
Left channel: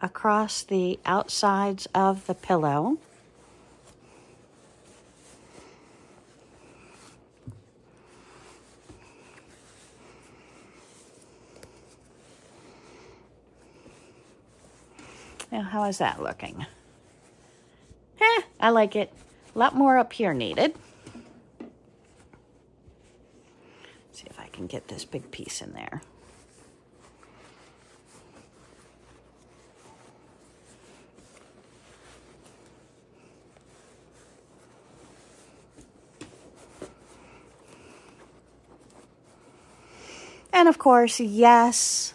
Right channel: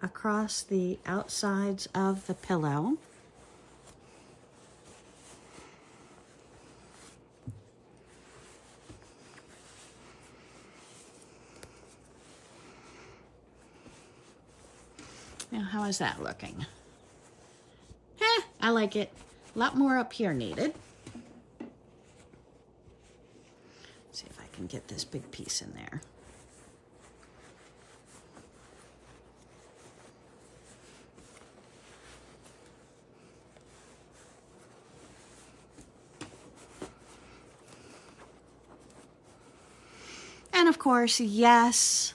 across the outsides of the pillow. Now, how is that looking? I like it. A lot more up here needed. See if I can get this big piece in there. And of course, yes,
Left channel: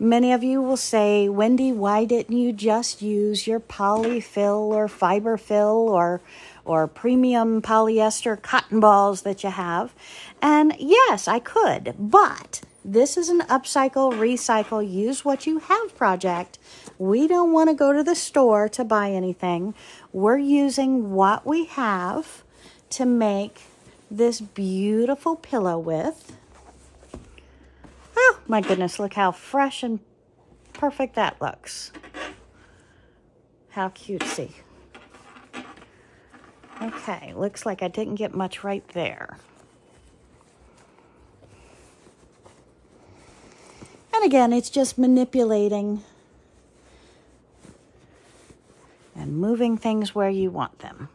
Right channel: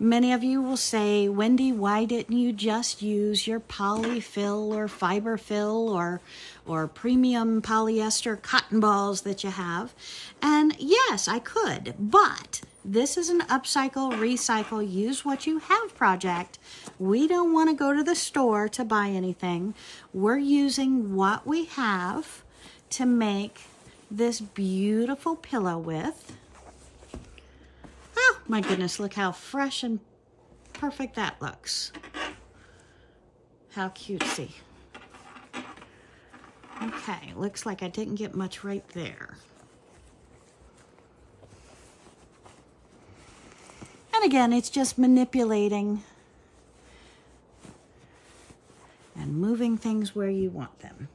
many of you will say, Wendy, why didn't you just use your polyfill or fiber fill or premium polyester cotton balls that you have? And yes, I could, but this is an upcycle, recycle, use what you have project. We don't want to go to the store to buy anything. We're using what we have to make this beautiful pillow with. Oh my goodness, look how fresh and perfect that looks. How cutesy. Okay, looks like I didn't get much right there. And again, it's just manipulating and moving things where you want them.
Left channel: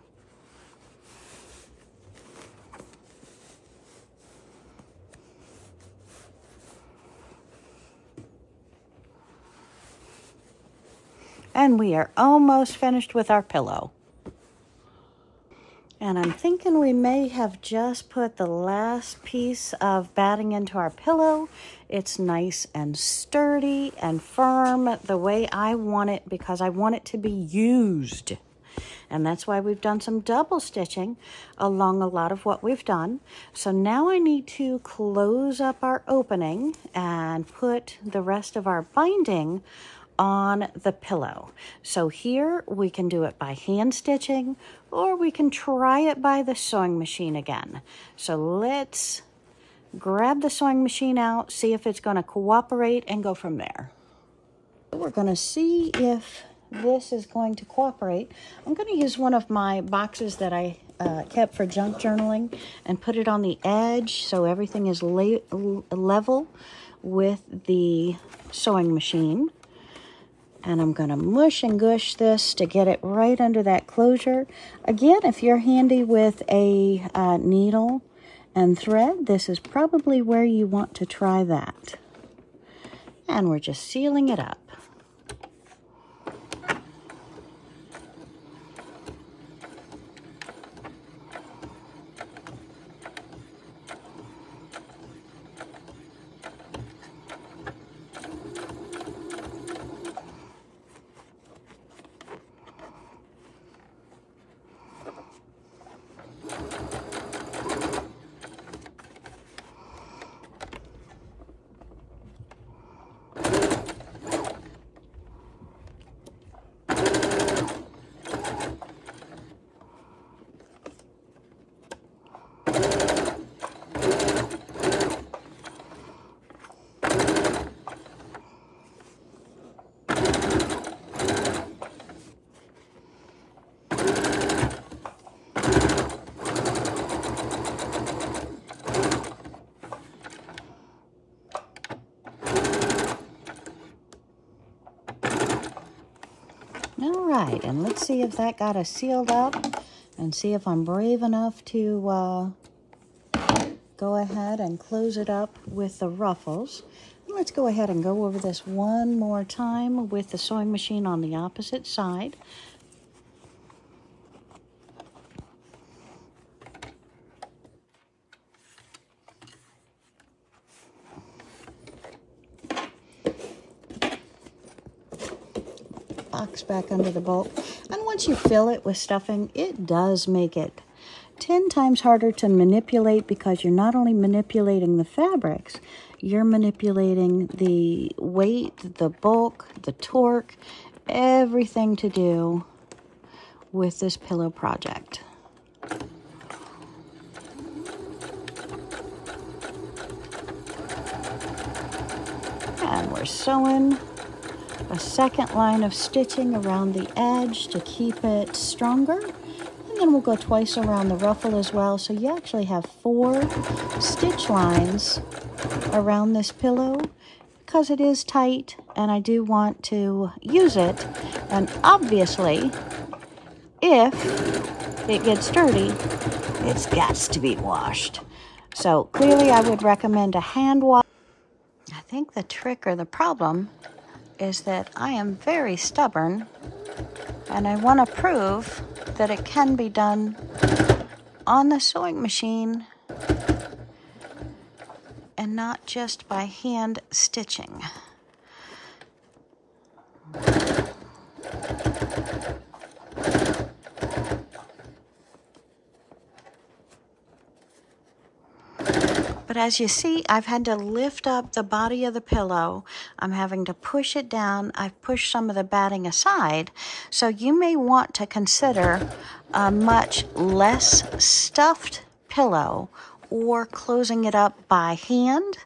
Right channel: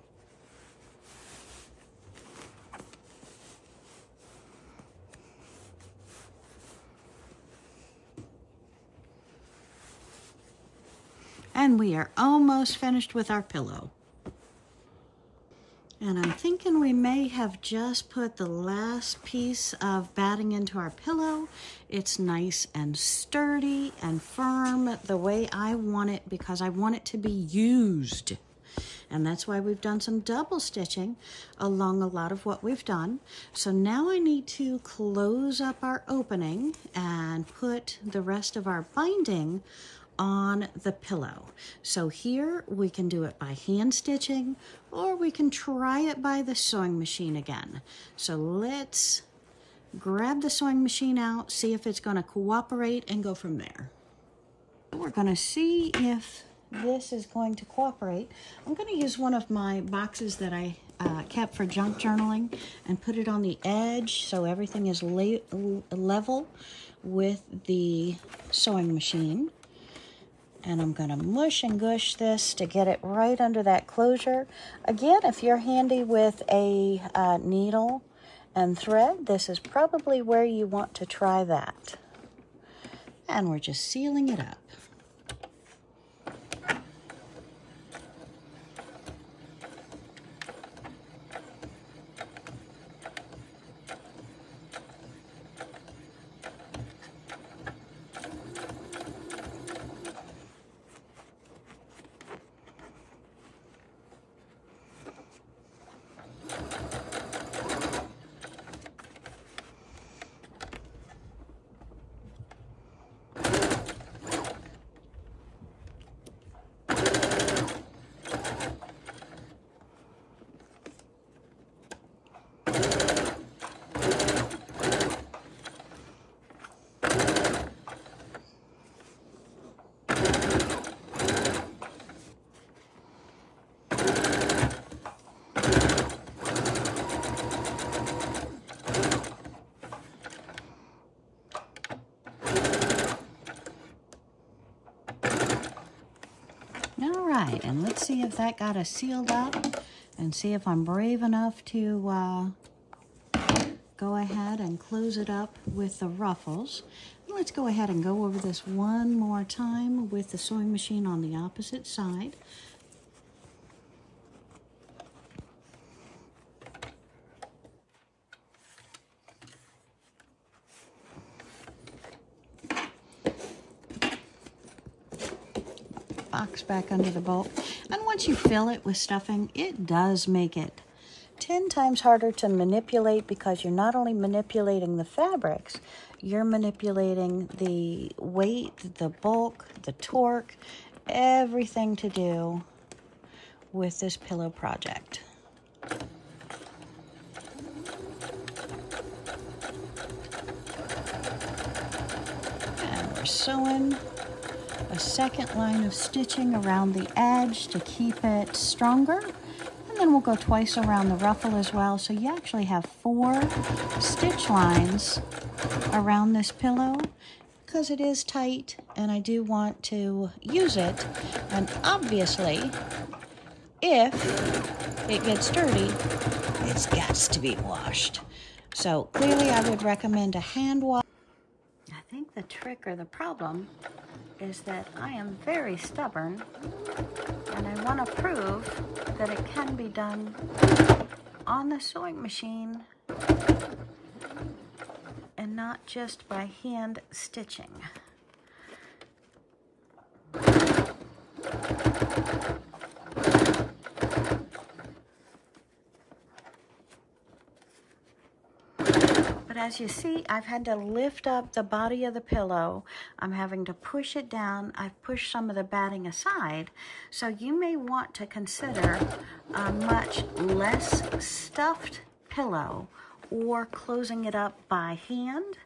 And we are almost finished with our pillow. And I'm thinking we may have just put the last piece of batting into our pillow. It's nice and sturdy and firm the way I want it because I want it to be used. And that's why we've done some double stitching along a lot of what we've done. So now I need to close up our opening and put the rest of our binding on the pillow. So here we can do it by hand stitching, or we can try it by the sewing machine again. So let's grab the sewing machine out, see if it's going to cooperate, and go from there. We're going to see if this is going to cooperate. I'm going to use one of my boxes that I kept for junk journaling and put it on the edge so everything is level with the sewing machine. And I'm going to mush and gush this to get it right under that closure. Again, if you're handy with a needle and thread, this is probably where you want to try that. And we're just sealing it up. Right, and let's see if that got us sealed up and see if I'm brave enough to go ahead and close it up with the ruffles. Let's go ahead and go over this one more time with the sewing machine on the opposite side. Box back under the bulk, and once you fill it with stuffing, it does make it 10 times harder to manipulate because you're not only manipulating the fabrics, you're manipulating the weight, the bulk, the torque, everything to do with this pillow project. And we're sewing a second line of stitching around the edge to keep it stronger, and then we'll go twice around the ruffle as well, so you actually have 4 stitch lines around this pillow because it is tight and I do want to use it. And obviously if it gets dirty, it's got to be washed, so clearly I would recommend a hand wash. I think the trick or the problem is that I am very stubborn and I want to prove that it can be done on the sewing machine and not just by hand stitching. But as you see, I've had to lift up the body of the pillow. I'm having to push it down. I've pushed some of the batting aside. So you may want to consider a much less stuffed pillow or closing it up by hand.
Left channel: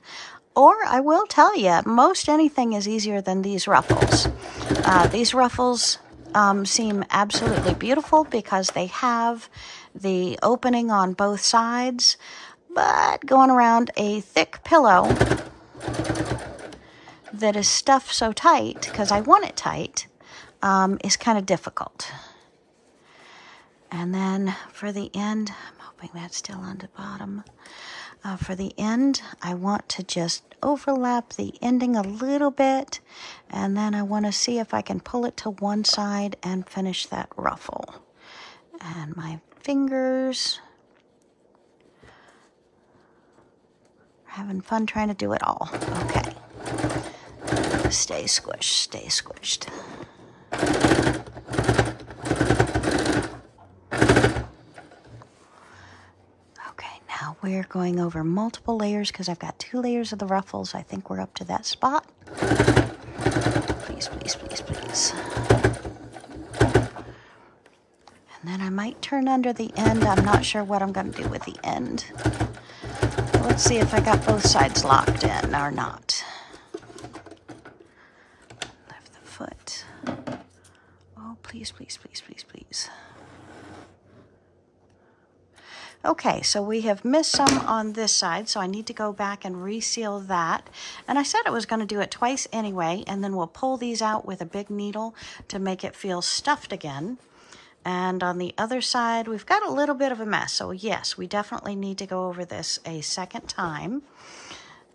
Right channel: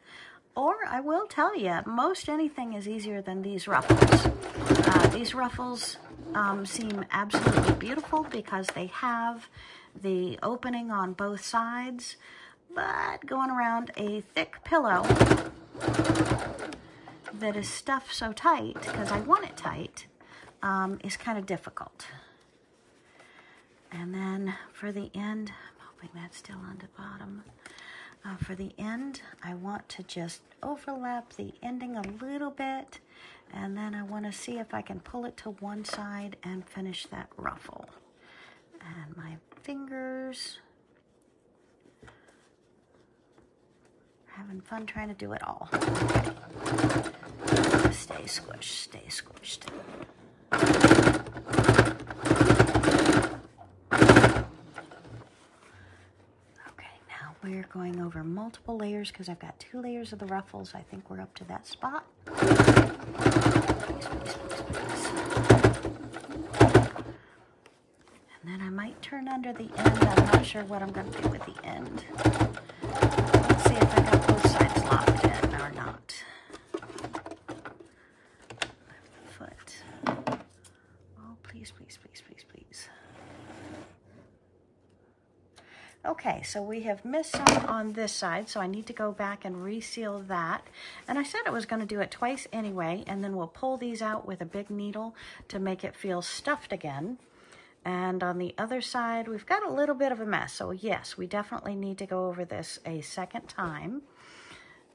Or I will tell you, most anything is easier than these ruffles. These ruffles seem absolutely beautiful because they have the opening on both sides. But going around a thick pillow that is stuffed so tight, because I want it tight, is kind of difficult. And then for the end, I'm hoping that's still on the bottom. For the end, I want to just overlap the ending a little bit, and then I want to see if I can pull it to one side and finish that ruffle. And my fingers. We're having fun trying to do it all. Okay. Stay squished, stay squished. Okay, now we're going over multiple layers because I've got 2 layers of the ruffles. I think we're up to that spot. Please, please, please, please. And then I might turn under the end. I'm not sure what I'm going to do with the end. Let's see if I got both sides locked in or not. Lift the foot. Oh, please, please, please, please, please. Okay, so we have missed some on this side, so I need to go back and reseal that. And I said I was going to do it twice anyway, and then we'll pull these out with a big needle to make it feel stuffed again. And on the other side, we've got a little bit of a mess. So yes, we definitely need to go over this a second time.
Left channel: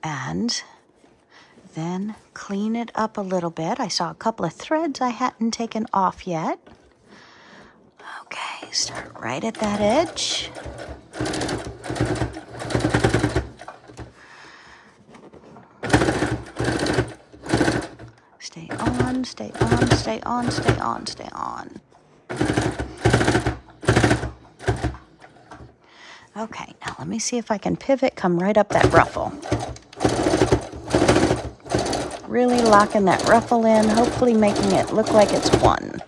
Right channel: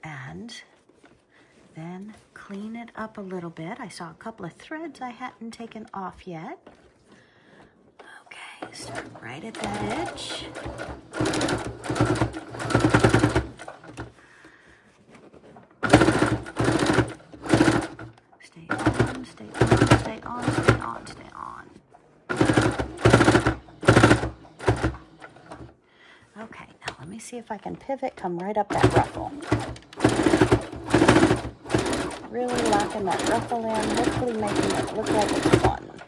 And then clean it up a little bit. I saw a couple of threads I hadn't taken off yet. Okay, start right at that edge. Stay on, stay on, stay on, stay on, stay on. Okay, now let me see if I can pivot, come right up that ruffle. Really locking that ruffle in, hopefully making it look like it's one.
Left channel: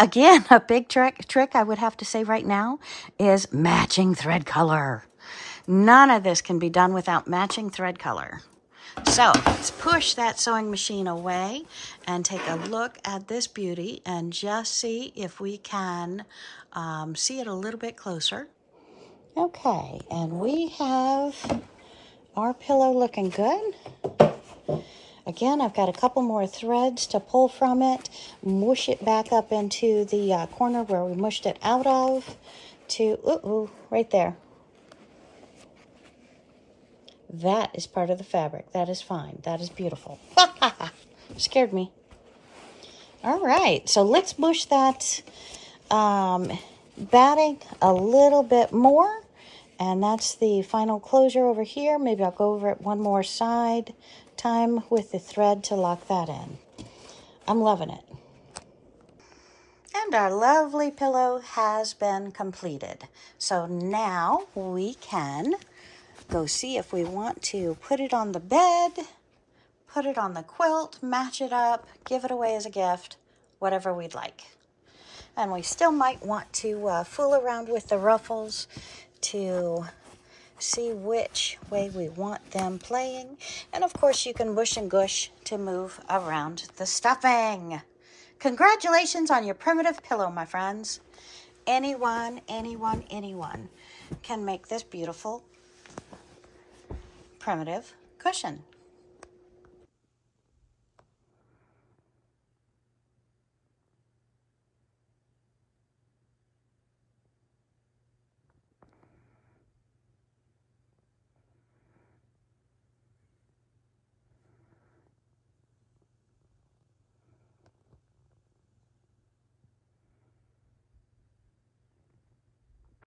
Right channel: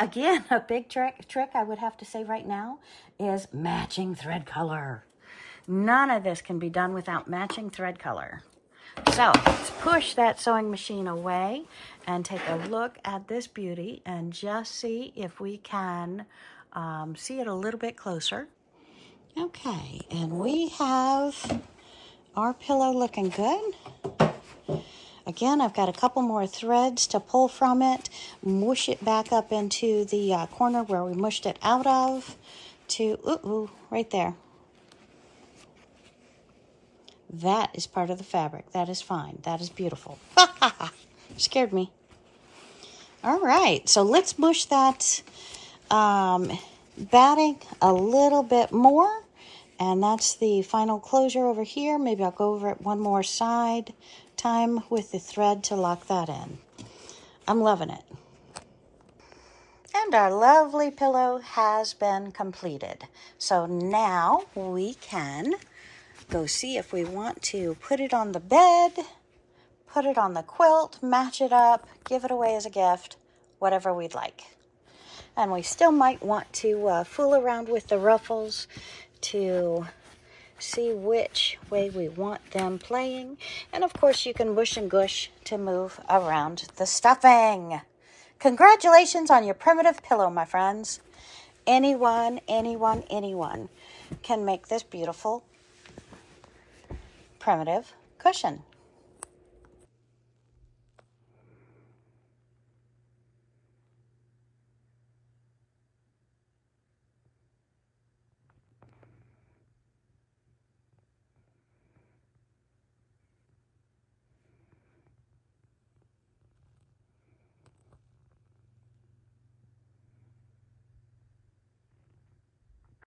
Again, a big trick I would have to say right now is matching thread color. None of this can be done without matching thread color. So let's push that sewing machine away and take a look at this beauty and just see if we can see it a little bit closer. Okay, and we have our pillow looking good. Again, I've got a couple more threads to pull from it, mush it back up into the corner where we mushed it out of to, right there. That is part of the fabric. That is fine. That is beautiful. Scared me. All right, so let's mush that batting a little bit more. And that's the final closure over here. Maybe I'll go over it one more side time with the thread to lock that in. I'm loving it. And our lovely pillow has been completed. So now we can go see if we want to put it on the bed, put it on the quilt, match it up, give it away as a gift, whatever we'd like. And we still might want to fool around with the ruffles to see which way we want them playing. And of course you can bush and gush to move around the stuffing. Congratulations on your primitive pillow, my friends. Anyone can make this beautiful primitive cushion.